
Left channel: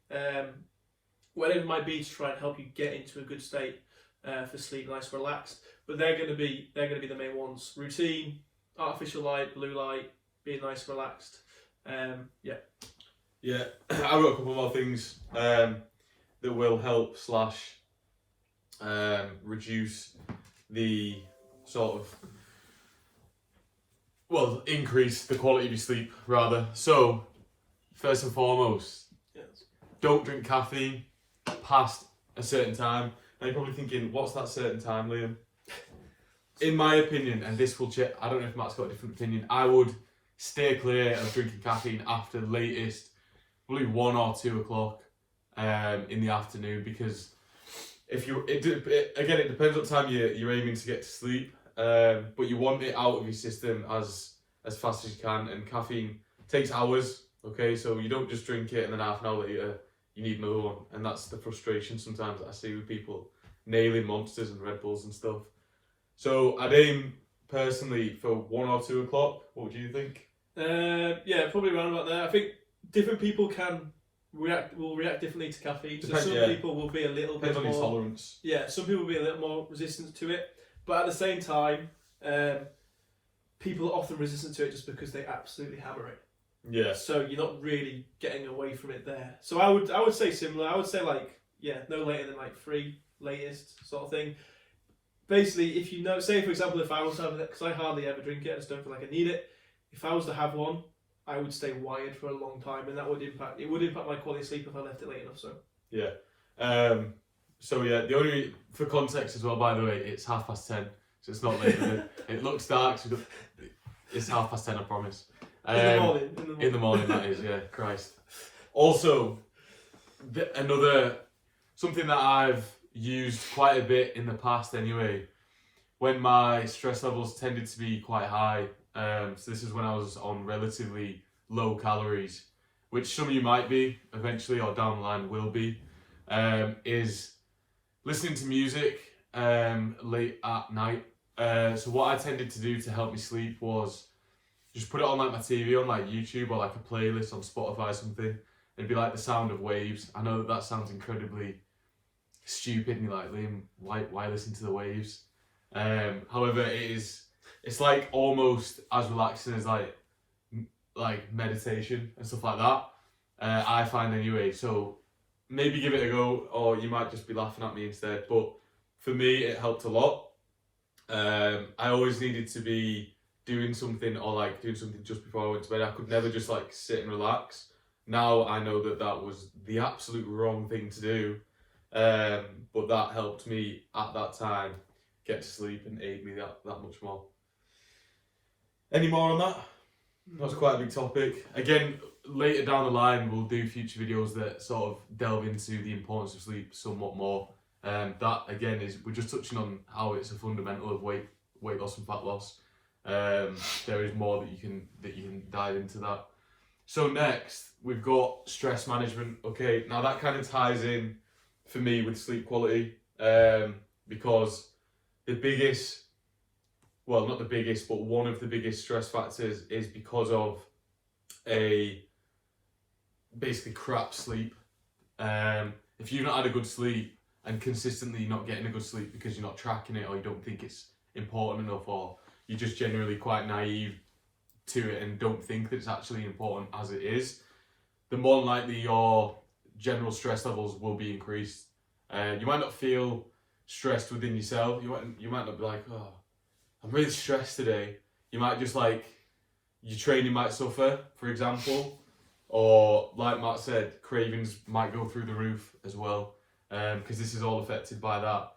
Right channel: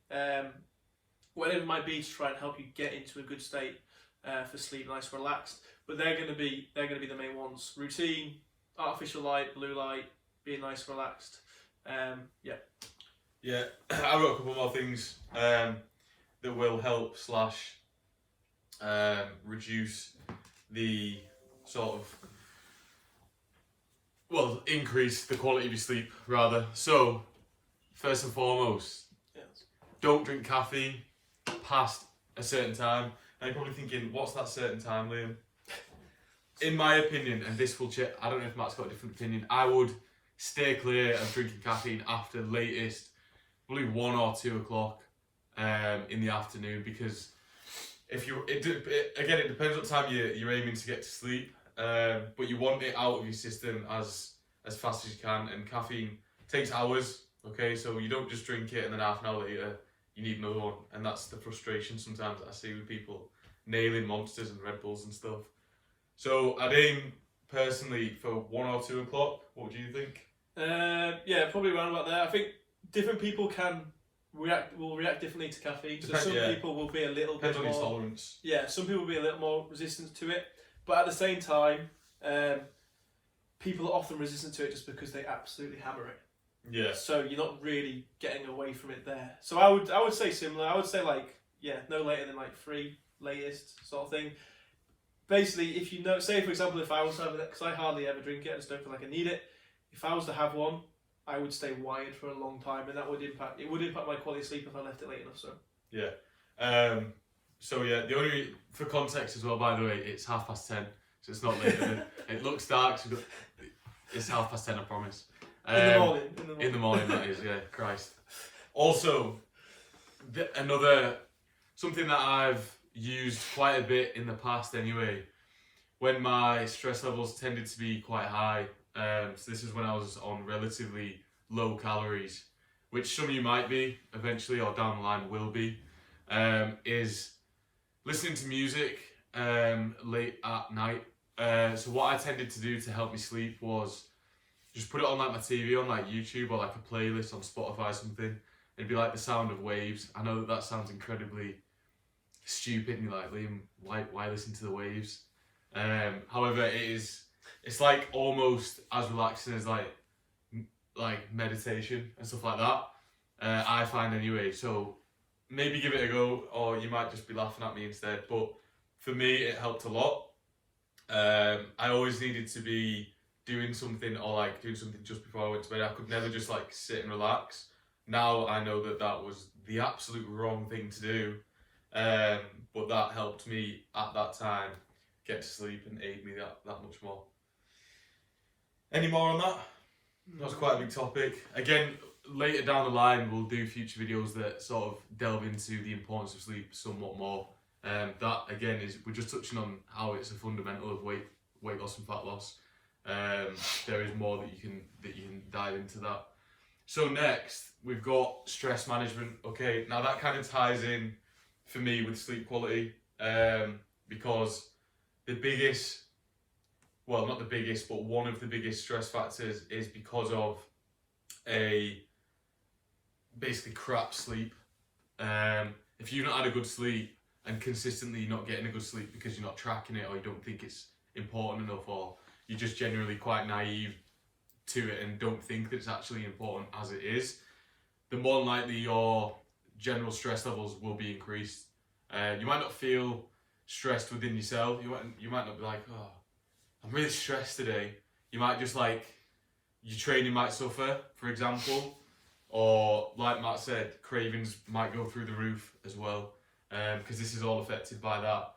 Whatever it might be to try and help you get into a good state for sleep, nice, relaxed. But they're going to be the main ones. Routine, artificial light, blue light, being nice, relaxed. Yeah, I've got a couple more things that will help / reduce the sort of, well, increase the quality of your sleep rather. So first and foremost, don't drink caffeine past a certain time. Now you're probably thinking, what's that certain time, Liam? In my opinion, and this will check, I don't know if Matt's got a different opinion, I would stay clear of drinking caffeine after the latest, probably 1 or 2 o'clock in the afternoon, because if you, again, it depends what time you're aiming to get to sleep, but you want it out of your system as fast as you can, and caffeine takes hours, okay, so you don't just drink it and then half an hour later you need another one, and that's the frustration sometimes that I see with people nailing Monsters and Red Bulls and stuff. So I'd aim personally for 1 or 2 o'clock. What do you think? Yeah, probably around about there. I think different people will react differently to caffeine. So some people will be a little Depends bit on more your tolerance. Yeah, some people will be a little more resistant to it, but at the same time, people are often resistant to it just because they absolutely hammer it. Yeah. So you're not really getting away from it there. So I would say similar. I would say no later than 3 latest sort of thing. Basically, if you know, say for example, if I was to have it, because I hardly ever drink it, I just don't feel like I need it. If I was to have one, I would stay wired for a long time, and that would impact my quality of sleep if I left it late enough. So yeah. So yeah, the only, for context as well, by the way, it's 10:30, so it's not later than it looks dark. So it's 10:30, I promise. In the morning, that is, yeah. Christ. Also, something that I've used quite a bit in the past anyway, when my stress levels tended to be quite high, so this is when I was on relatively low calories, which some of you might be eventually or down the line will be, is listening to music late at night. So what I tended to do to help me sleep was just put it on my TV on YouTube or a playlist on Spotify or something. It'd be the sound of waves. I know that sounds incredibly stupid, and you're like, Liam, why listen to the waves? However, it's almost as relaxing as meditation and stuff like that. I find anyway. So maybe give it a go, or you might just be laughing at me instead. But for me, it helped a lot. I always needed to be doing something or doing something just before I went to bed. I could never just sit and relax. Now I know that was the absolute wrong thing to do. But that helped me at that time get to sleep and aid me that much more. Any more on that? That's quite a big topic. Again, later down the line, we'll do future videos that sort of delve into the importance of sleep somewhat more. That again we're just touching on how it's a fundamental of weight loss and fat loss. There is more that you can dive into that. So next, we've got stress management. Okay, now that kind of ties in for me with sleep quality, because the biggest, well, not the biggest, but one of the biggest stress factors is because of basically crap sleep. If you've not had a good sleep and consistently not getting a good sleep because you're not tracking it, or you don't think it's important enough, or you're just generally quite naive to it and don't think that it's actually important as it is, the more likely your general stress levels will be increased. You might not feel stressed within yourself. You might not be like, oh, I'm really stressed today. You might just like, your training might suffer, for example, or like Matt said, cravings might go through the roof as well, because this is all affected by that.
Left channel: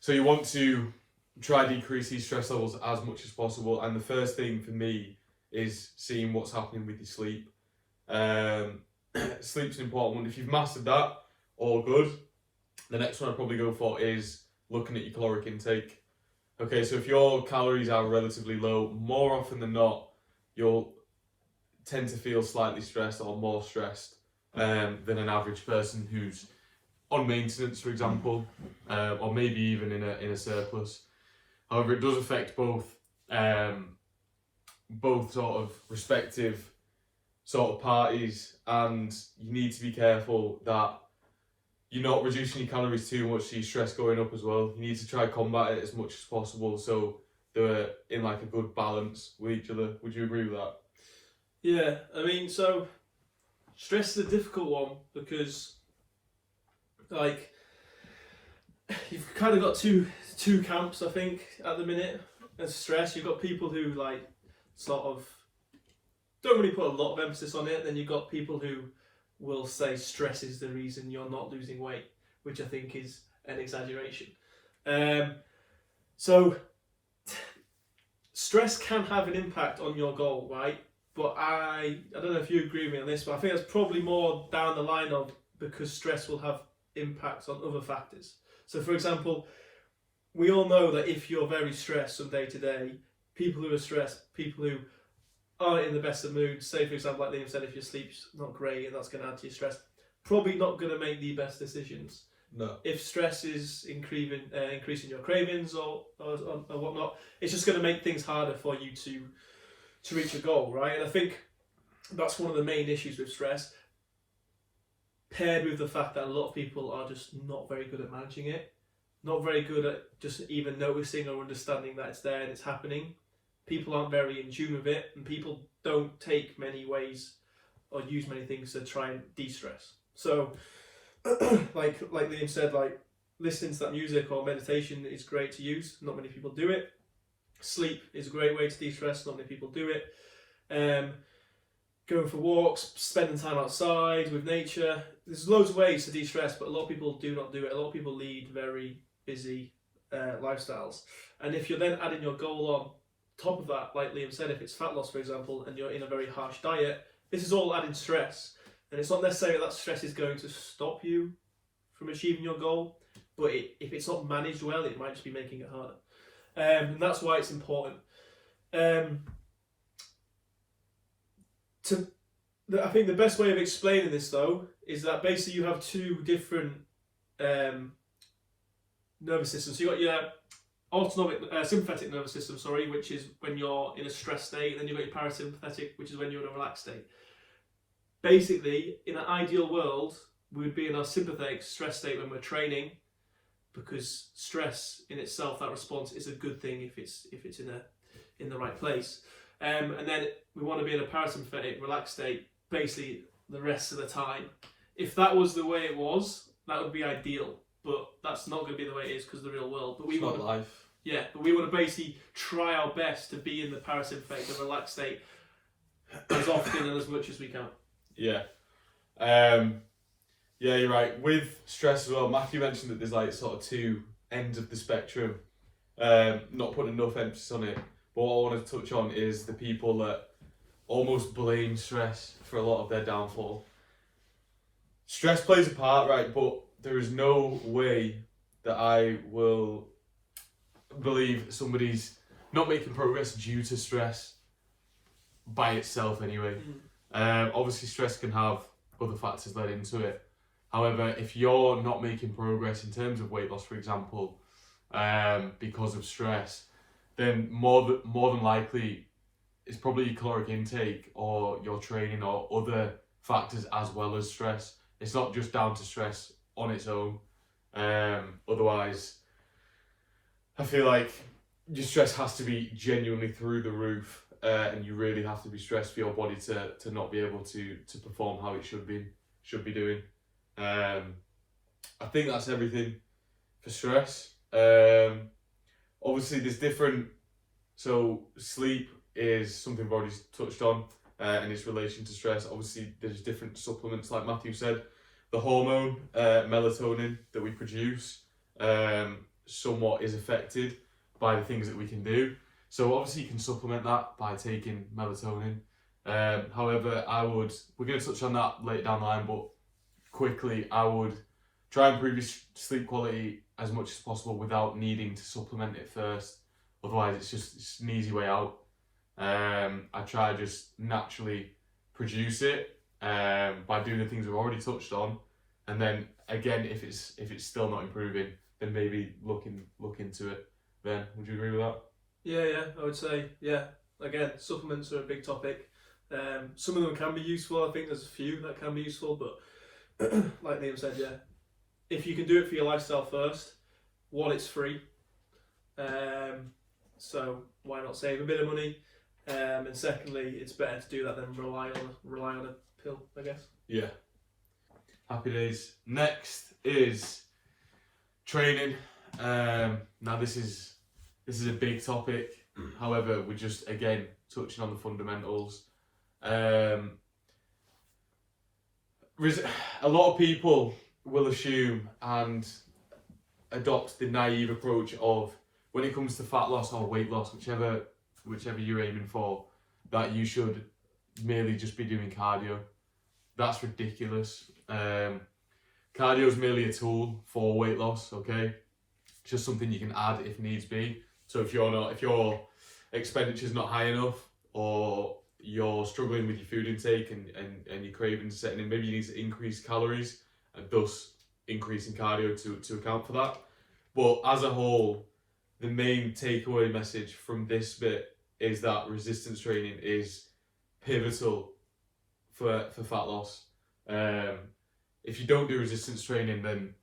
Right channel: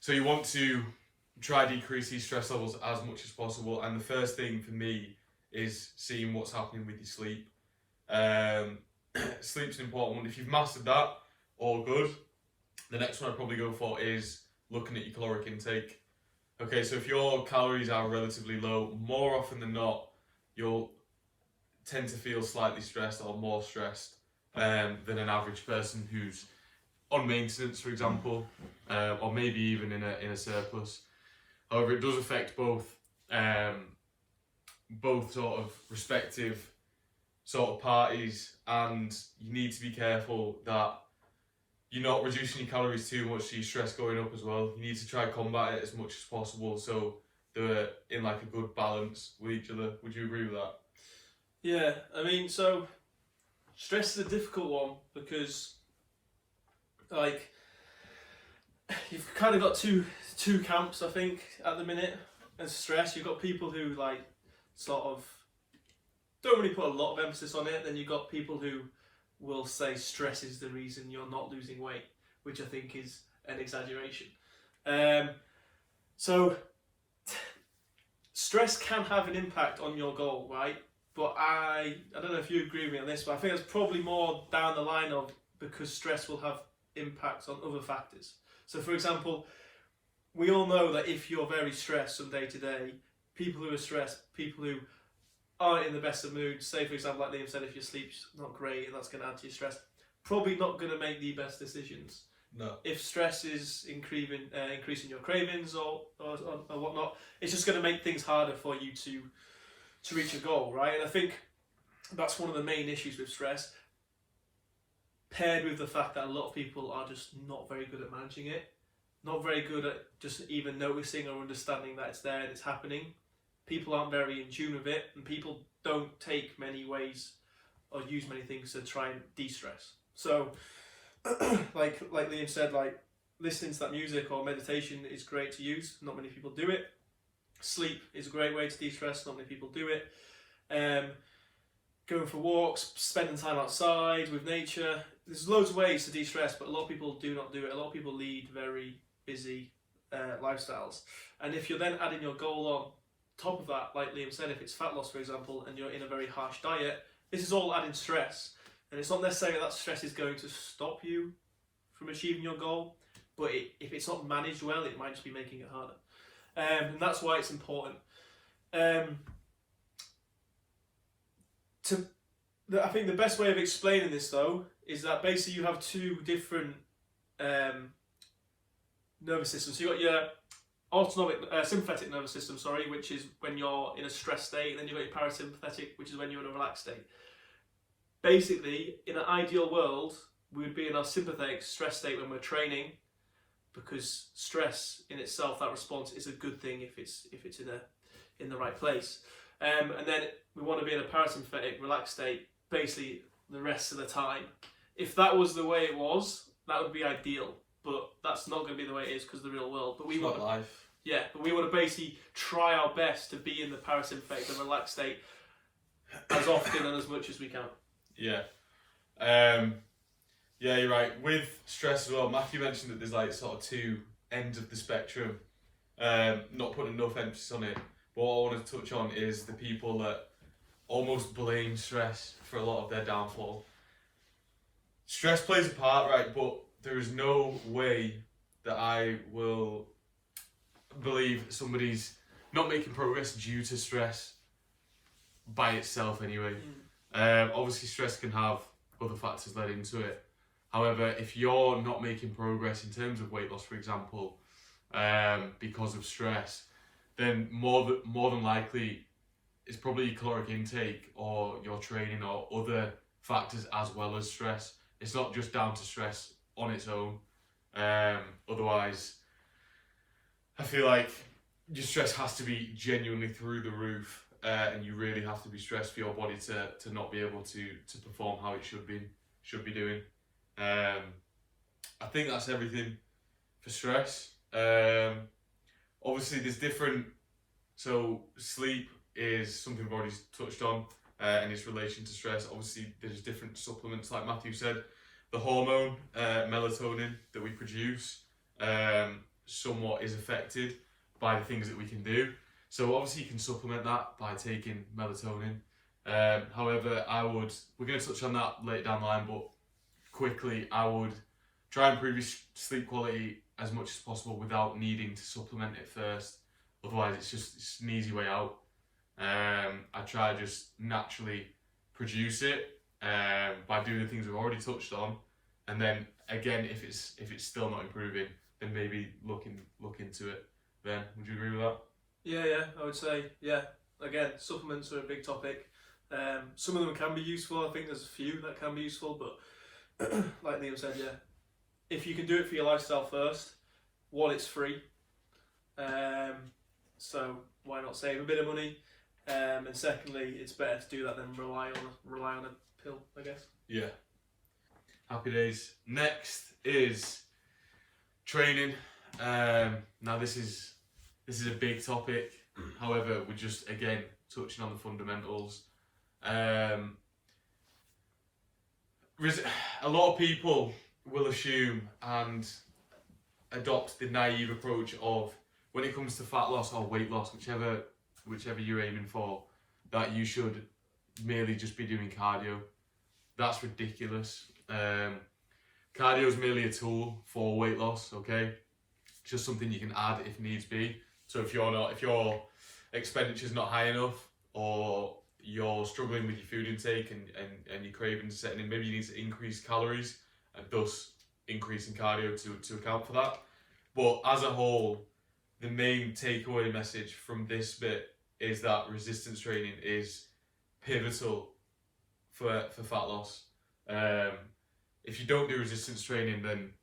So you want to try decrease these stress levels as much as possible, and the first thing for me is seeing what's happening with your sleep. Sleep's an important one. If you've mastered that, all good. The next one I'd probably go for is looking at your caloric intake. Okay, so if your calories are relatively low, more often than not, you'll tend to feel slightly stressed or more stressed than an average person who's on maintenance, for example, or maybe even in a surplus. However, it does affect both sort of respective sort of parties, and you need to be careful that you're not reducing your calories too much, so your stress going up as well. You need to try combat it as much as possible, so they're in like a good balance with each other. Would you agree with that? Yeah, I mean, so stress is a difficult one because, like, you've kind of got two camps, I think, at the minute. As stress, you've got people who like sort of don't really put a lot of emphasis on it. Then you've got people who will say stress is the reason you're not losing weight, which I think is an exaggeration. So stress can have an impact on your goal, right? But I don't know if you agree with me on this, but I think that's probably more down the line of because stress will have impacts on other factors. So for example, we all know that if you're very stressed from day to day, people who are stressed, people who aren't in the best of moods, say for example, like Liam said, if your sleep's not great and that's going to add to your stress, probably not going to make the best decisions. No. If stress is increasing your cravings or whatnot, it's just going to make things harder for you to reach your goal, right? And I think that's one of the main issues with stress, paired with the fact that a lot of people are just not very good at managing it, not very good at just even noticing or understanding that it's there and it's happening. People aren't very in tune with it, and people don't take many ways or use many things to try and de-stress. So like Liam said, like listening to that music or meditation is great to use. Not many people do it. Sleep is a great way to de-stress. Not many people do it. Going for walks, spending time outside with nature. There's loads of ways to de-stress, but a lot of people do not do it. A lot of people lead very busy lifestyles. And if you're then adding your goal on top of that, like Liam said, if it's fat loss, for example, and you're in a very harsh diet, this is all adding stress. And it's not necessarily that stress is going to stop you from achieving your goal, but if it's not managed well, it might just be making it harder. And that's why it's important. I think the best way of explaining this, though, is that basically you have two different nervous systems. So you've got your sympathetic nervous system, which is when you're in a stress state, and then you've got your parasympathetic, which is when you're in a relaxed state. Basically, in an ideal world, we would be in our sympathetic stress state when we're training, because stress in itself, that response, is a good thing if it's in the right place. And then we want to be in a parasympathetic relaxed state basically the rest of the time. If that was the way it was, that would be ideal, but that's not going to be the way it is because of the real world. But we want life. Yeah, but we want to basically try our best to be in the parasympathetic and relaxed state as often and as much as we can. Yeah. Yeah, you're right. With stress as well, Matthew mentioned that there's like sort of two ends of the spectrum. Not putting enough emphasis on it. But what I want to touch on is the people that almost blame stress for a lot of their downfall. Stress plays a part, right? But there is no way that I will believe somebody's not making progress due to stress by itself anyway. Obviously, stress can have other factors led into it. However, if you're not making progress in terms of weight loss, for example, because of stress, then more than likely it's probably your caloric intake or your training or other factors as well as stress. It's not just down to stress on its own. Otherwise, I feel like your stress has to be genuinely through the roof, and you really have to be stressed for your body to not be able to perform how it should be doing. I think that's everything for stress. Obviously, there's different. So sleep is something we've already touched on, in its relation to stress. Obviously, there's different supplements, like Matthew said. The hormone melatonin that we produce somewhat is affected by the things that we can do. So obviously, you can supplement that by taking melatonin. However, we're going to touch on that later down the line, but quickly, I would try and improve your sleep quality as much as possible without needing to supplement it first. Otherwise, it's an easy way out. I try to just naturally produce it by doing the things we've already touched on, and then again, if it's still not improving, then maybe look into it. Ben, would you agree with that? Yeah, I would say, yeah. Again, supplements are a big topic. Some of them can be useful. I think there's a few that can be useful, but like Liam said, yeah, if you can do it for your lifestyle first, one, it's free. So why not save a bit of money? And secondly, it's better to do that than rely on a pill, I guess. Yeah. Happy days. Next is training. Now this is a big topic. However, we're just again touching on the fundamentals. A lot of people will assume and adopt the naive approach of, when it comes to fat loss or weight loss, whichever you're aiming for, that you should merely just be doing cardio. That's ridiculous. Cardio is merely a tool for weight loss, okay? Just something you can add if needs be. So if your expenditure's not high enough, or you're struggling with your food intake and your cravings setting in, maybe you need to increase calories and thus increasing cardio to account for that. But as a whole, the main takeaway message from this bit is that resistance training is pivotal for fat loss. If you don't do resistance training, then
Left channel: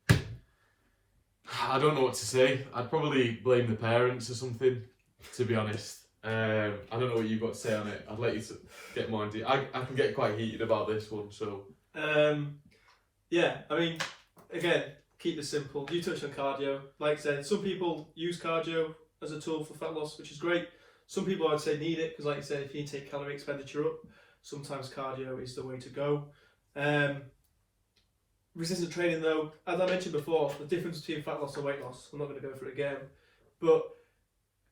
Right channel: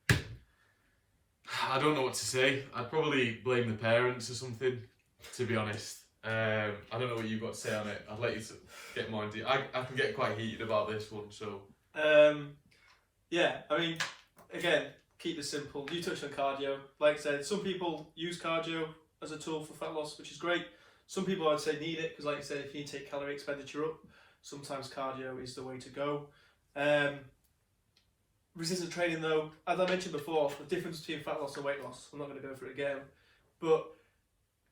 I don't know what to say. I'd probably blame the parents or something, to be honest. I don't know what you've got to say on it. I'd let you get more into it. I can get quite heated about this one, so. Yeah, I mean, again, keep this simple. You touched on cardio. Like I said, some people use cardio as a tool for fat loss, which is great. Some people, I'd say, need it because, like I said, if you need to take calorie expenditure up, sometimes cardio is the way to go. Resistance training, though, as I mentioned before, the difference between fat loss and weight loss, I'm not going to go for it again, but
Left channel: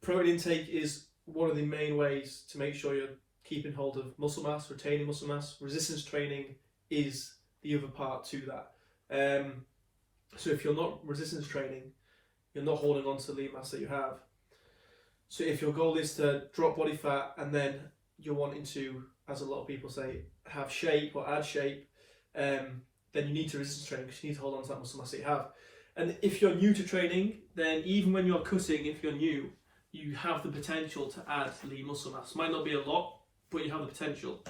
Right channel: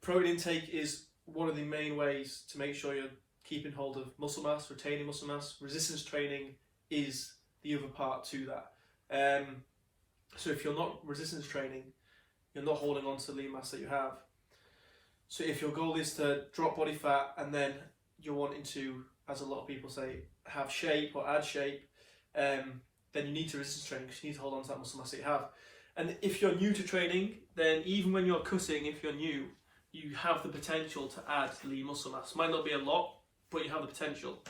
protein intake is one of the main ways to make sure you're keeping hold of muscle mass, retaining muscle mass. Resistance training is the other part to that. So if you're not resistance training, you're not holding on to the lean mass that you have. So if your goal is to drop body fat and then you're wanting to, as a lot of people say, have shape or add shape, then you need to resistance training because you need to hold on to that muscle mass that you have. And if you're new to training, then even when you're cutting, if you're new, you have the potential to add lean muscle mass. Might not be a lot, but you have the potential.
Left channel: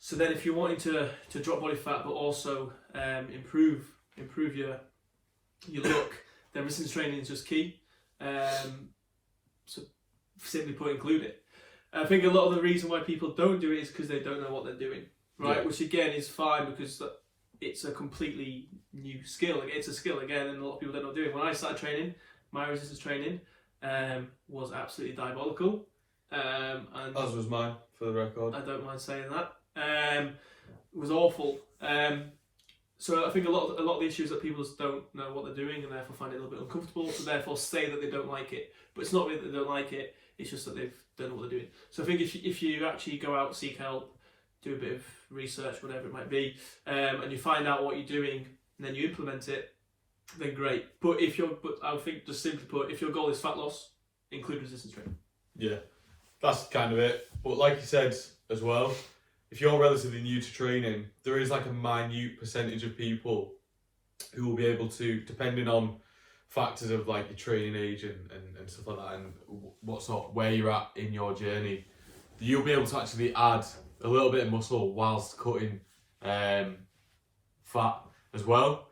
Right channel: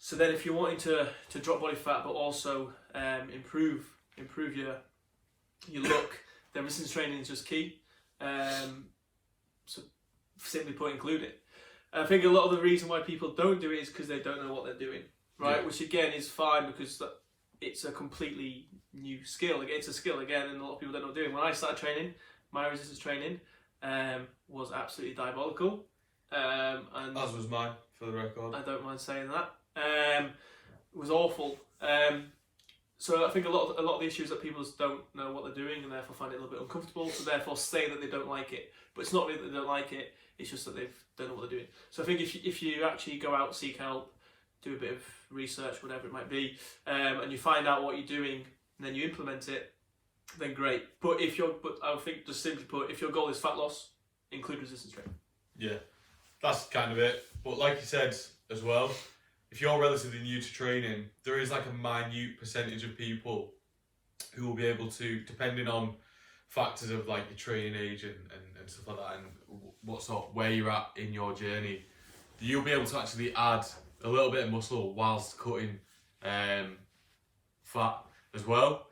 So then if you're wanting to drop body fat but also improve your look, then resistance training is just key. So simply put, include it. I think a lot of the reason why people don't do it is because they don't know what they're doing, right? Yeah. Which again is fine because it's a completely new skill. It's a skill again, and a lot of people don't know what they're doing. When I started training, my resistance training was absolutely diabolical. And as was mine, for the record. I don't mind saying that. It was awful. So I think a lot of the issues that people just don't know what they're doing and therefore find it a little bit uncomfortable, so therefore say that they don't like it. But it's not really that they don't like it, it's just that they don't know what they're doing. So I think if you actually go out, seek help, do a bit of research, whatever it might be, and you find out what you're doing and then you implement it, then great. But I think, just simply put, if your goal is fat loss, include resistance training. Yeah, that's kind of it. But like you said as well, if you're relatively new to training, there is like a minute percentage of people who will be able to, depending on factors of like your training age and stuff like that, and where you're at in your journey, you'll be able to actually add a little bit of muscle whilst cutting fat as well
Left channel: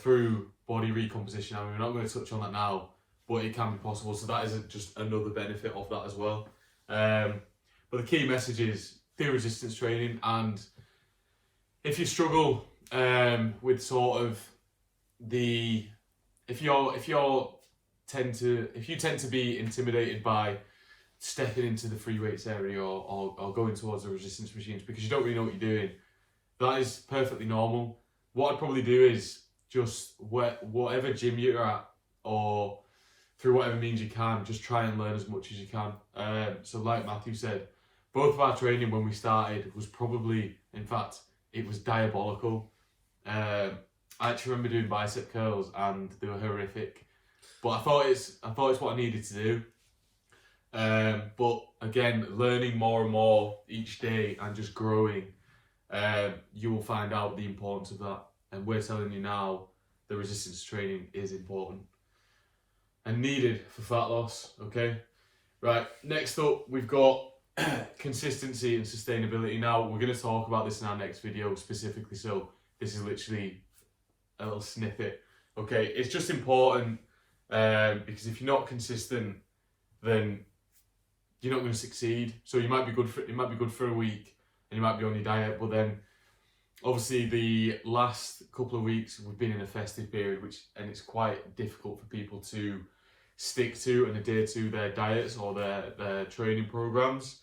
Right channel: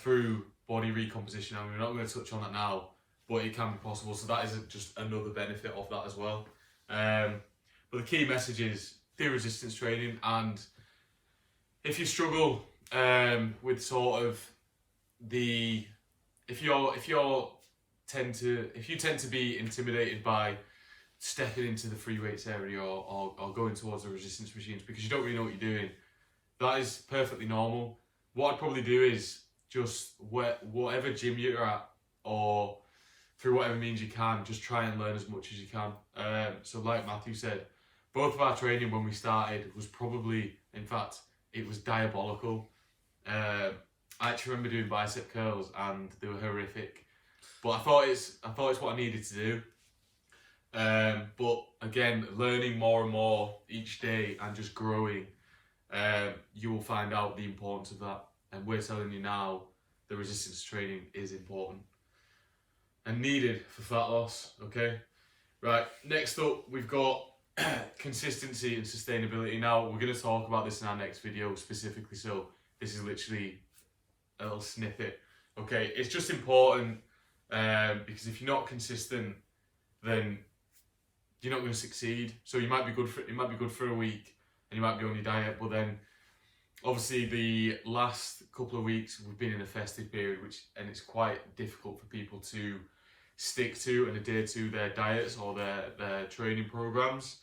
through body recomposition. I mean, we're not going to touch on that now, but it can be possible. So that is just another benefit of that as well. But the key message is do resistance training, and if you struggle with sort of if you tend to be intimidated by stepping into the free weights area or going towards the resistance machines because you don't really know what you're doing, that is perfectly normal. What I'd probably do is just whatever gym you're at, or through whatever means you can, just try and learn as much as you can. So like Matthew said, both of our training when we started was probably, in fact, it was diabolical. I actually remember doing bicep curls and they were horrific, but I thought it's what I needed to do. But again, learning more and more each day and just growing, you will find out the importance of that. And we're telling you now, the resistance training is important and needed for fat loss. Okay, right. Next up, we've got consistency and sustainability. Now we're going to talk about this in our next video specifically. So this is literally a little snippet. Okay, it's just important because if you're not consistent, then you're not going to succeed. So it might be good for a week, and you might be on your diet, but then obviously the last couple of weeks we've been in a festive period, and it's quite difficult for people to stick to and adhere to their diets or their training programs.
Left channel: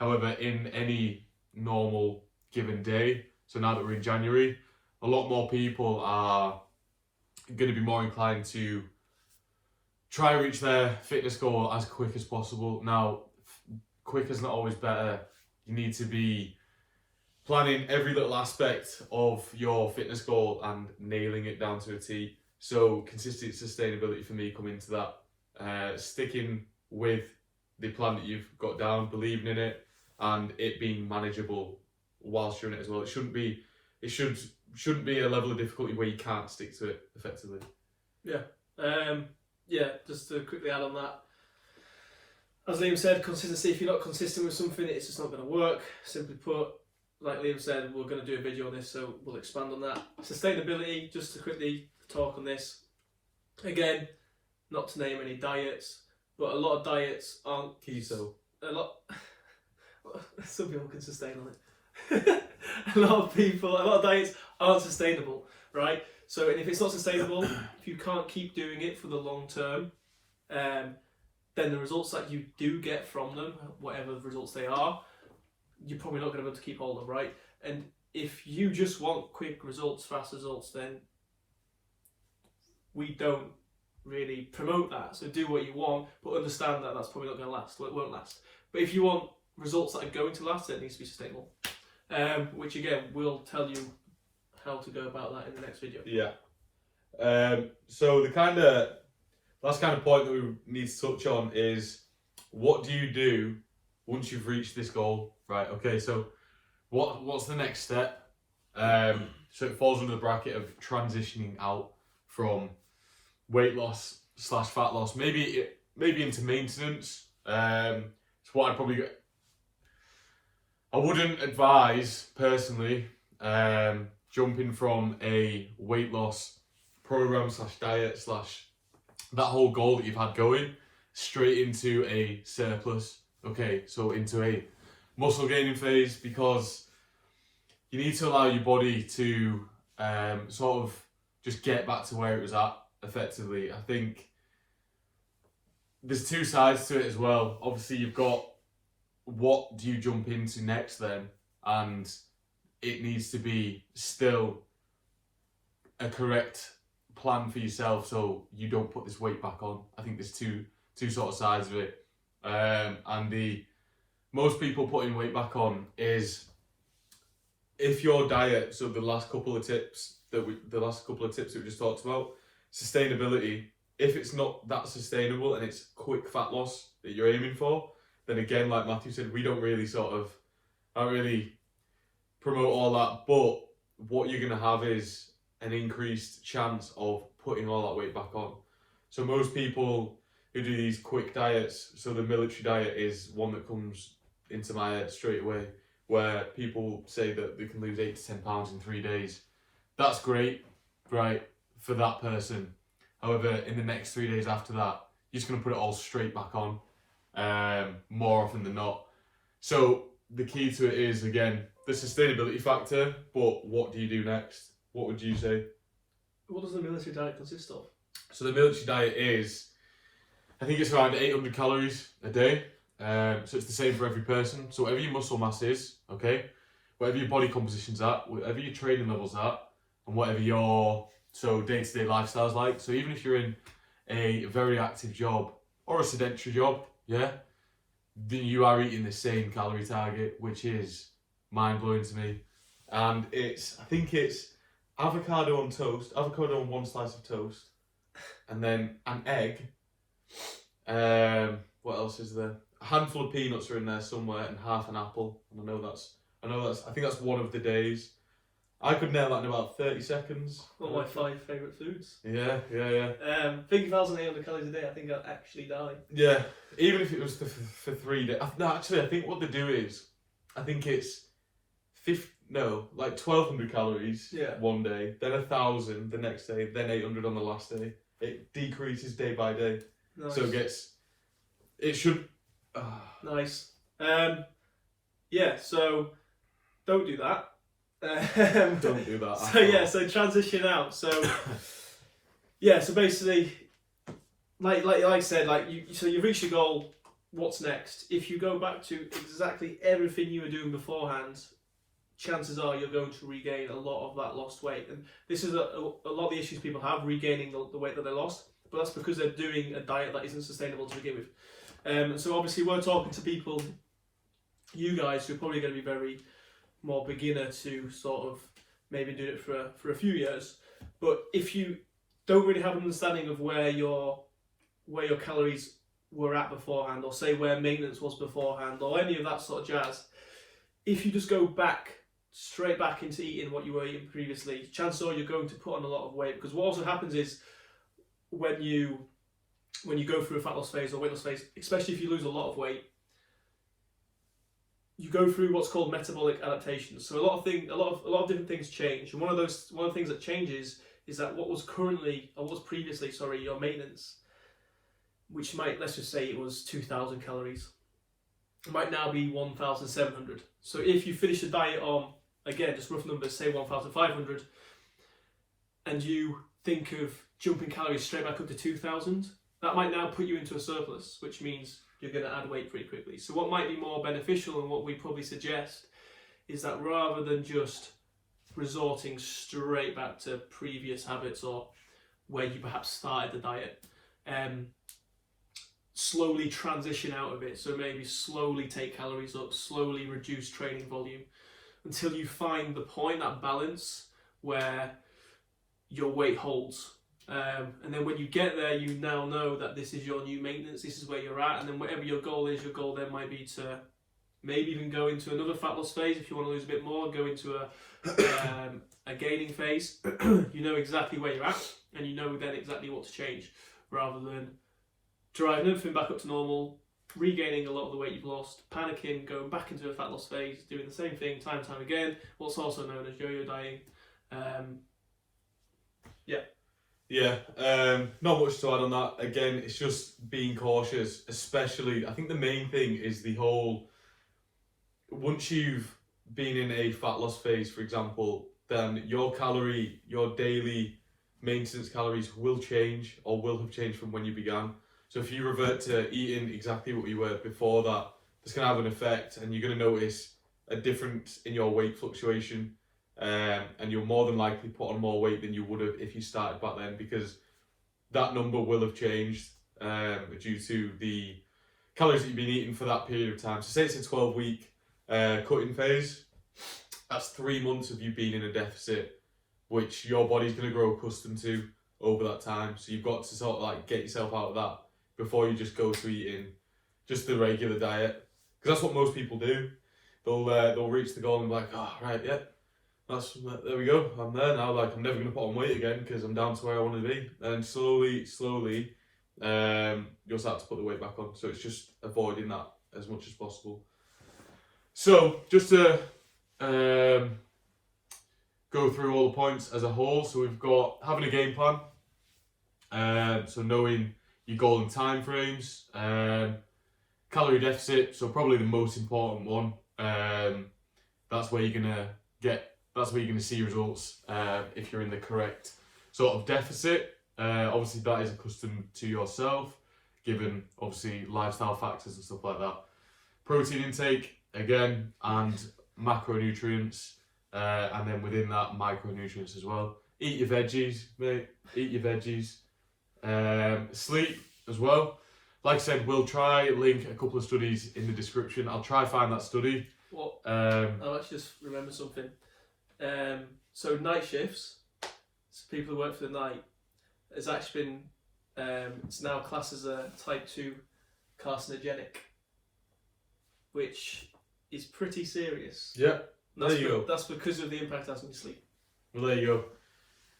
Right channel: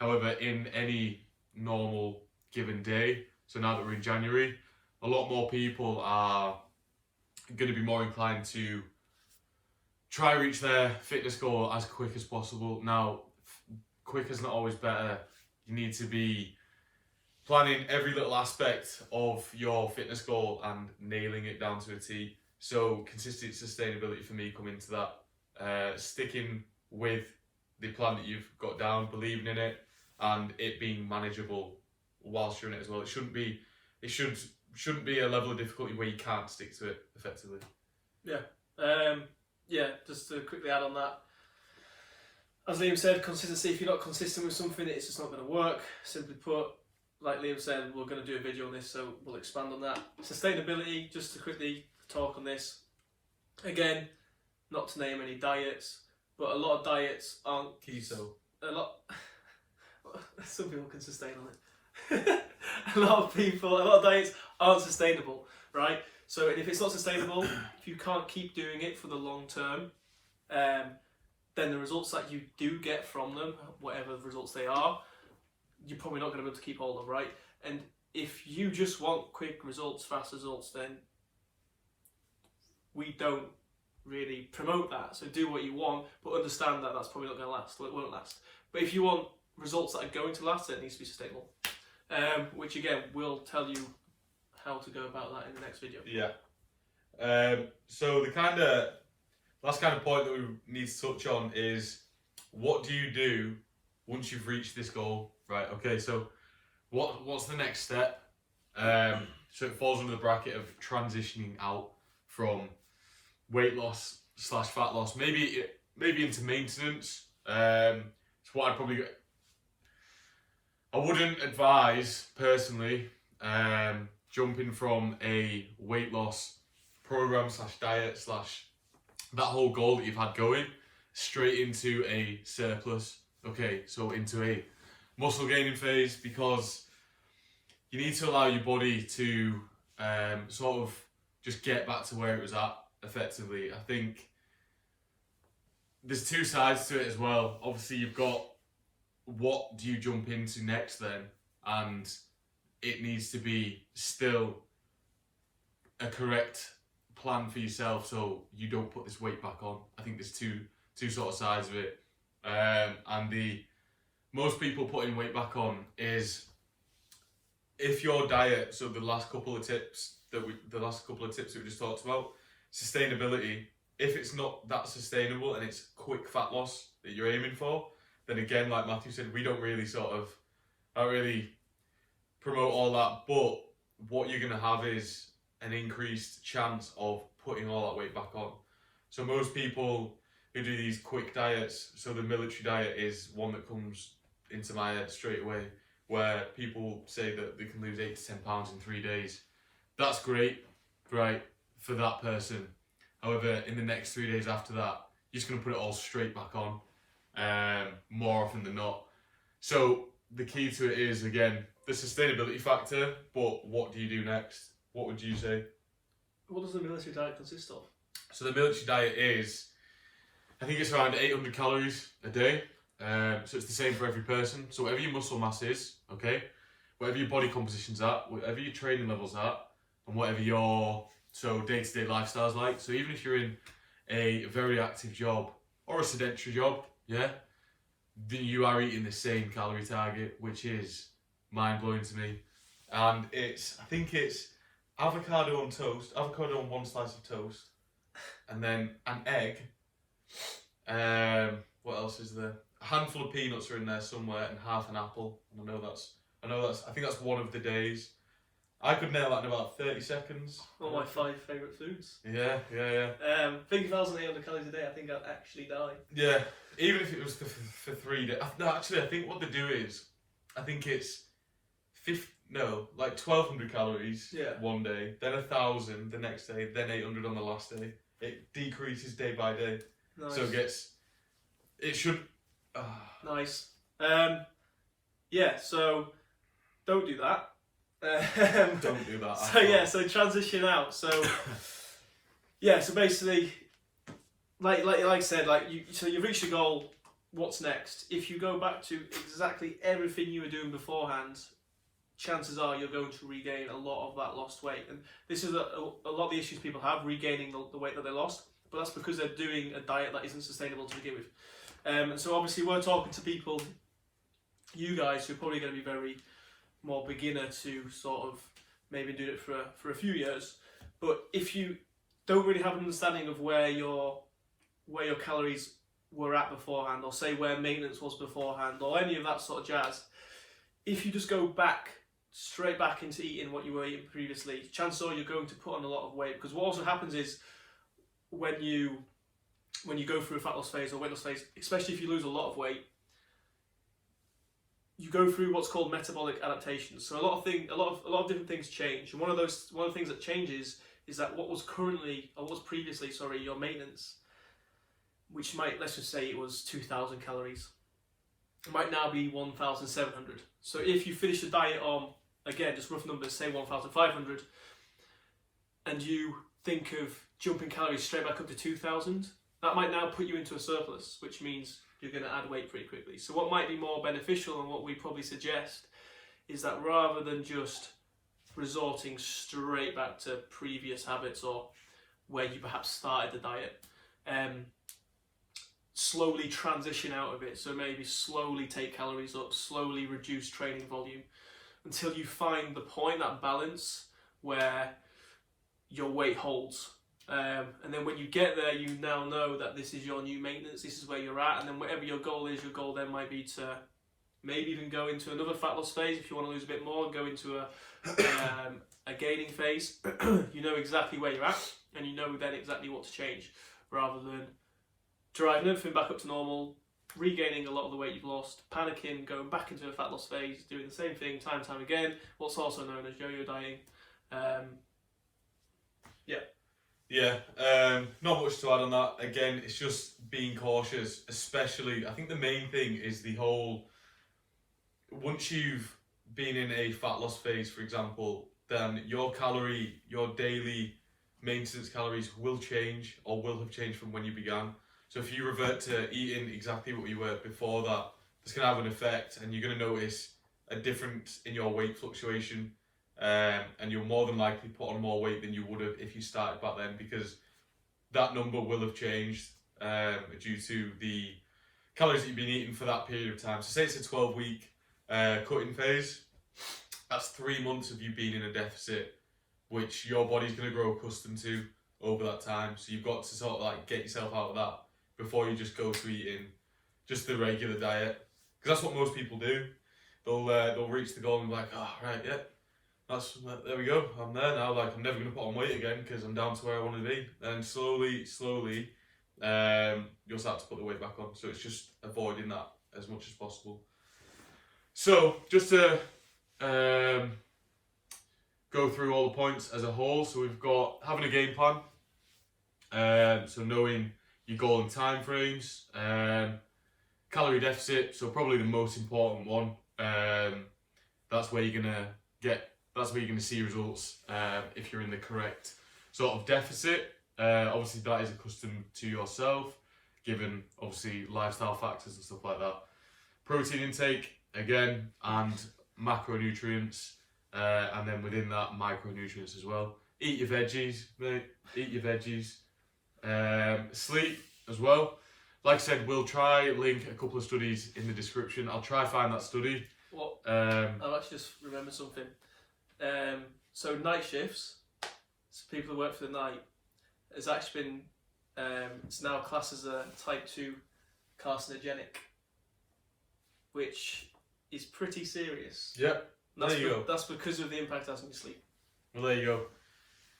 However, in any normal given day, so now that we're in January, a lot more people are going to be more inclined to try and reach their fitness goal as quick as possible. Now, quick is not always better. You need to be planning every little aspect of your fitness goal and nailing it down to a T. So consistent sustainability for me come into that. Sticking with the plan that you've got down, believing in it, and it being manageable whilst you're in it as well. It shouldn't be a level of difficulty where you can't stick to it effectively. Yeah, just to quickly add on that, as Liam said, consistency. If you're not consistent with something, it's just not going to work. Simply put, like Liam said, we're going to do a video on this, so we'll expand on that. Sustainability, just to quickly talk on this. Again, not to name any diets, but a lot of diets aren't keto. Some people can sustain on it. a lot of diets aren't sustainable, right? So, and if it's not sustainable, if you can't keep doing it for the long term, then the results that you do get from them, whatever results they are, you're probably not going to be able to keep hold of, right? And if you just want quick results, fast results, then we don't really promote that. So do what you want, but understand that that's probably not going to last, or it won't last. But if you want results that are going to last, it needs to be sustainable. Which again, we'll tell you how to go about that in the next video. Yeah. So the last kind of point that we need to touch on is, what do you do once you've reached this goal? Right. Okay. So what's the next step? So it falls under the bracket of transitioning out from weight loss / fat loss, maybe into maintenance. It's what I wouldn't advise personally jumping from a weight loss program / diet / that whole goal that you've had going straight into a surplus. Okay, so into a muscle gaining phase, because you need to allow your body to sort of just get back to where it was at effectively. I think there's two sides to it as well. Obviously, you've got what do you jump into next then, and it needs to be still a correct plan for yourself so you don't put this weight back on. I think there's two sort of sides of it, and the most people putting weight back on is if your diet. So the last couple of tips that we just talked about, sustainability. If it's not that sustainable and it's quick fat loss that you're aiming for, then again, like Matthew said, we don't really promote all that, but what you're going to have is an increased chance of putting all that weight back on. So most people who do these quick diets, so the military diet is one that comes into my head straight away, where people say that they can lose 8 to 10 pounds in 3 days. That's great, right, for that person. However, in the next 3 days after that, you're just going to put it all straight back on, more often than not. So the key to it is, again, the sustainability factor, but what do you do next? What would you say? What does the military diet consist of? So the military diet is, I think it's around 800 calories a day. So it's the same for every person. So whatever your muscle mass is, okay, whatever your body composition's at, whatever your training level's at, and whatever your day-to-day lifestyle's like. So even if you're in a very active job or a sedentary job, yeah, then you are eating the same calorie target, which is mind-blowing to me. And I think it's avocado on toast, avocado on one slice of toast, and then an egg. What else is there? A handful of peanuts are in there somewhere, and half an apple. And I think that's one of the days. I could nail that in about 30 seconds. One of my 5 favourite foods. Yeah. Think 1,800 calories a day, I think I'd actually die. Yeah, even if it was for 3 days. No, actually, I think what they do is, I think it's 1,200 calories one day, then 1,000 the next day, then 800 on the last day. It decreases day by day. Nice. So it should... Nice. So don't do that. Don't do that. So transition out. So basically, like I said, you've reached your goal. What's next? If you go back to exactly everything you were doing beforehand, chances are you're going to regain a lot of that lost weight. And this is a lot of the issues people have, regaining the weight that they lost. But that's because they're doing a diet that isn't sustainable to begin with. And so obviously we're talking to people, you guys, who are probably going to be very more beginner to sort of maybe do it for a few years. But if you don't really have an understanding of where your calories were at beforehand, or say where maintenance was beforehand, or any of that sort of jazz, if you just go straight back into eating what you were eating previously, chances are you're going to put on a lot of weight. Because what also happens is when you go through a fat loss phase or weight loss phase, especially if you lose a lot of weight, you go through what's called metabolic adaptations. So a lot of different things change, and one of the things that changes is that what was previously your maintenance, which let's just say it was 2,000 calories, it might now be 1,700. So if you finish the diet on, again, just rough numbers, say 1,500, and you think of jumping calories straight back up to 2,000, that might now put you into a surplus, which means you're going to add weight pretty quickly. So what might be more beneficial, and what we probably suggest, is that rather than just resorting straight back to previous habits or where you perhaps started the diet, slowly transition out of it. So maybe slowly take calories up, slowly reduce training volume, until you find the point, that balance, where your weight holds. And then when you get there, you now know that this is your new maintenance, this is where you're at, and then whatever your goal is, your goal then might be to maybe even go into another fat loss phase if you want to lose a bit more, go into a gaining phase. You know exactly where you're at, and you know then exactly what to change, rather than driving everything back up to normal, regaining a lot of the weight you've lost, panicking, going back into a fat loss phase, doing the same thing time and time again, what's also known as yo-yo dieting. Not much to add on that. Again, it's just being cautious, especially, I think the main thing is the whole, once you've been in a fat loss phase, for example, then your daily maintenance calories will change, or will have changed from when you began. So if you revert to eating exactly what you were before that, that's going to have an effect, and you're going to notice a difference in your weight fluctuation. And you'll more than likely put on more weight than you would have if you started back then, because that number will have changed due to the calories that you've been eating for that period of time. So say it's a 12-week cutting phase, that's 3 months of you being in a deficit, which your body's going to grow accustomed to over that time. So you've got to sort of like get yourself out of that before you just go to eating just the regular diet, because that's what most people do. they'll reach the goal and be like, oh right, yeah, there we go. I'm there now. Like I'm never gonna put on weight again because I'm down to where I want to be. And slowly, you'll start to put the weight back on. So it's just avoiding that as much as possible. So just to go through all the points as a whole. So we've got having a game plan. So knowing your goal and time frames. Calorie deficit. So probably the most important one. That's where you're gonna see results if you're in the correct sort of deficit. Obviously that is accustomed to yourself, given obviously lifestyle factors and stuff like that. Protein intake again, and macronutrients, and then within that micronutrients as well. Eat your veggies, mate. Eat your veggies. Sleep as well. Like I said, we'll try link a couple of studies in the description. I'll try find that study. What? I'll actually just remember something. So night shifts, so people who work for the night, has actually been, it's now classed as a type 2 carcinogenic, which is pretty serious. Yep, there you go. That's because of the impact it has on your sleep. Well, there you go.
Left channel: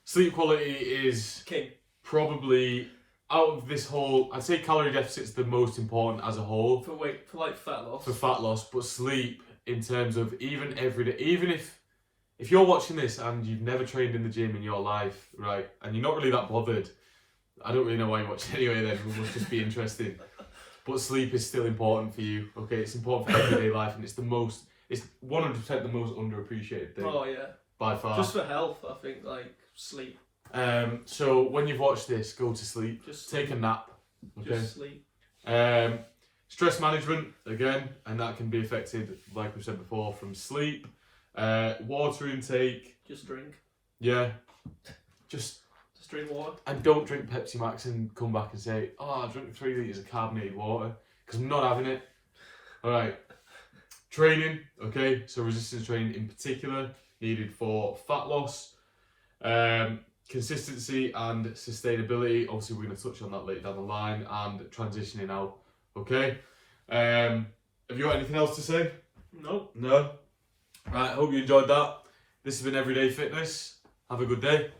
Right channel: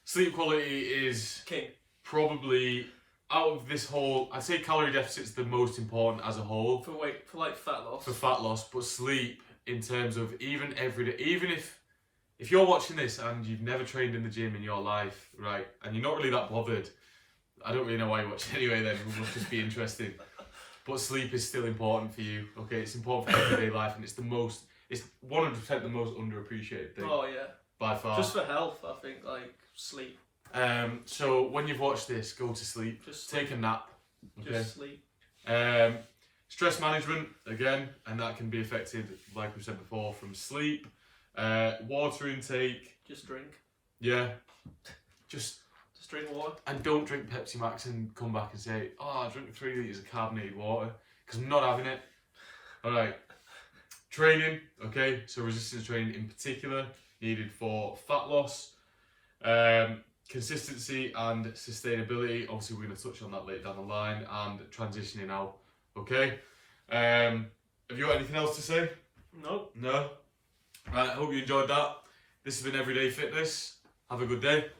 Sleep quality is king. Probably out of this whole, I'd say calorie deficit's the most important as a whole. For like fat loss. For fat loss, but sleep in terms of even every day, even if you're watching this and you've never trained in the gym in your life, right, and you're not really that bothered, I don't really know why you watch it anyway then, it must just be interesting. But sleep is still important for you, okay? It's important for everyday life, and it's 100% the most underappreciated thing. Oh yeah. By far. Just for health, I think, like, sleep. So when you've watched this, go to sleep. Just take a nap, okay? Just sleep. Stress management, again, and that can be affected, like we said before, from sleep. Water intake. Just drink. Yeah. Just drink water. And don't drink Pepsi Max and come back and say, oh, I drank 3 litres of carbonated water, because I'm not having it. Alright. Training, okay, so resistance training in particular, needed for fat loss. Consistency and sustainability, obviously we're going to touch on that later down the line, and transitioning out, okay? Have you got anything else to say? No. No? Right, I hope you enjoyed that. This has been Everyday Fitness. Have a good day.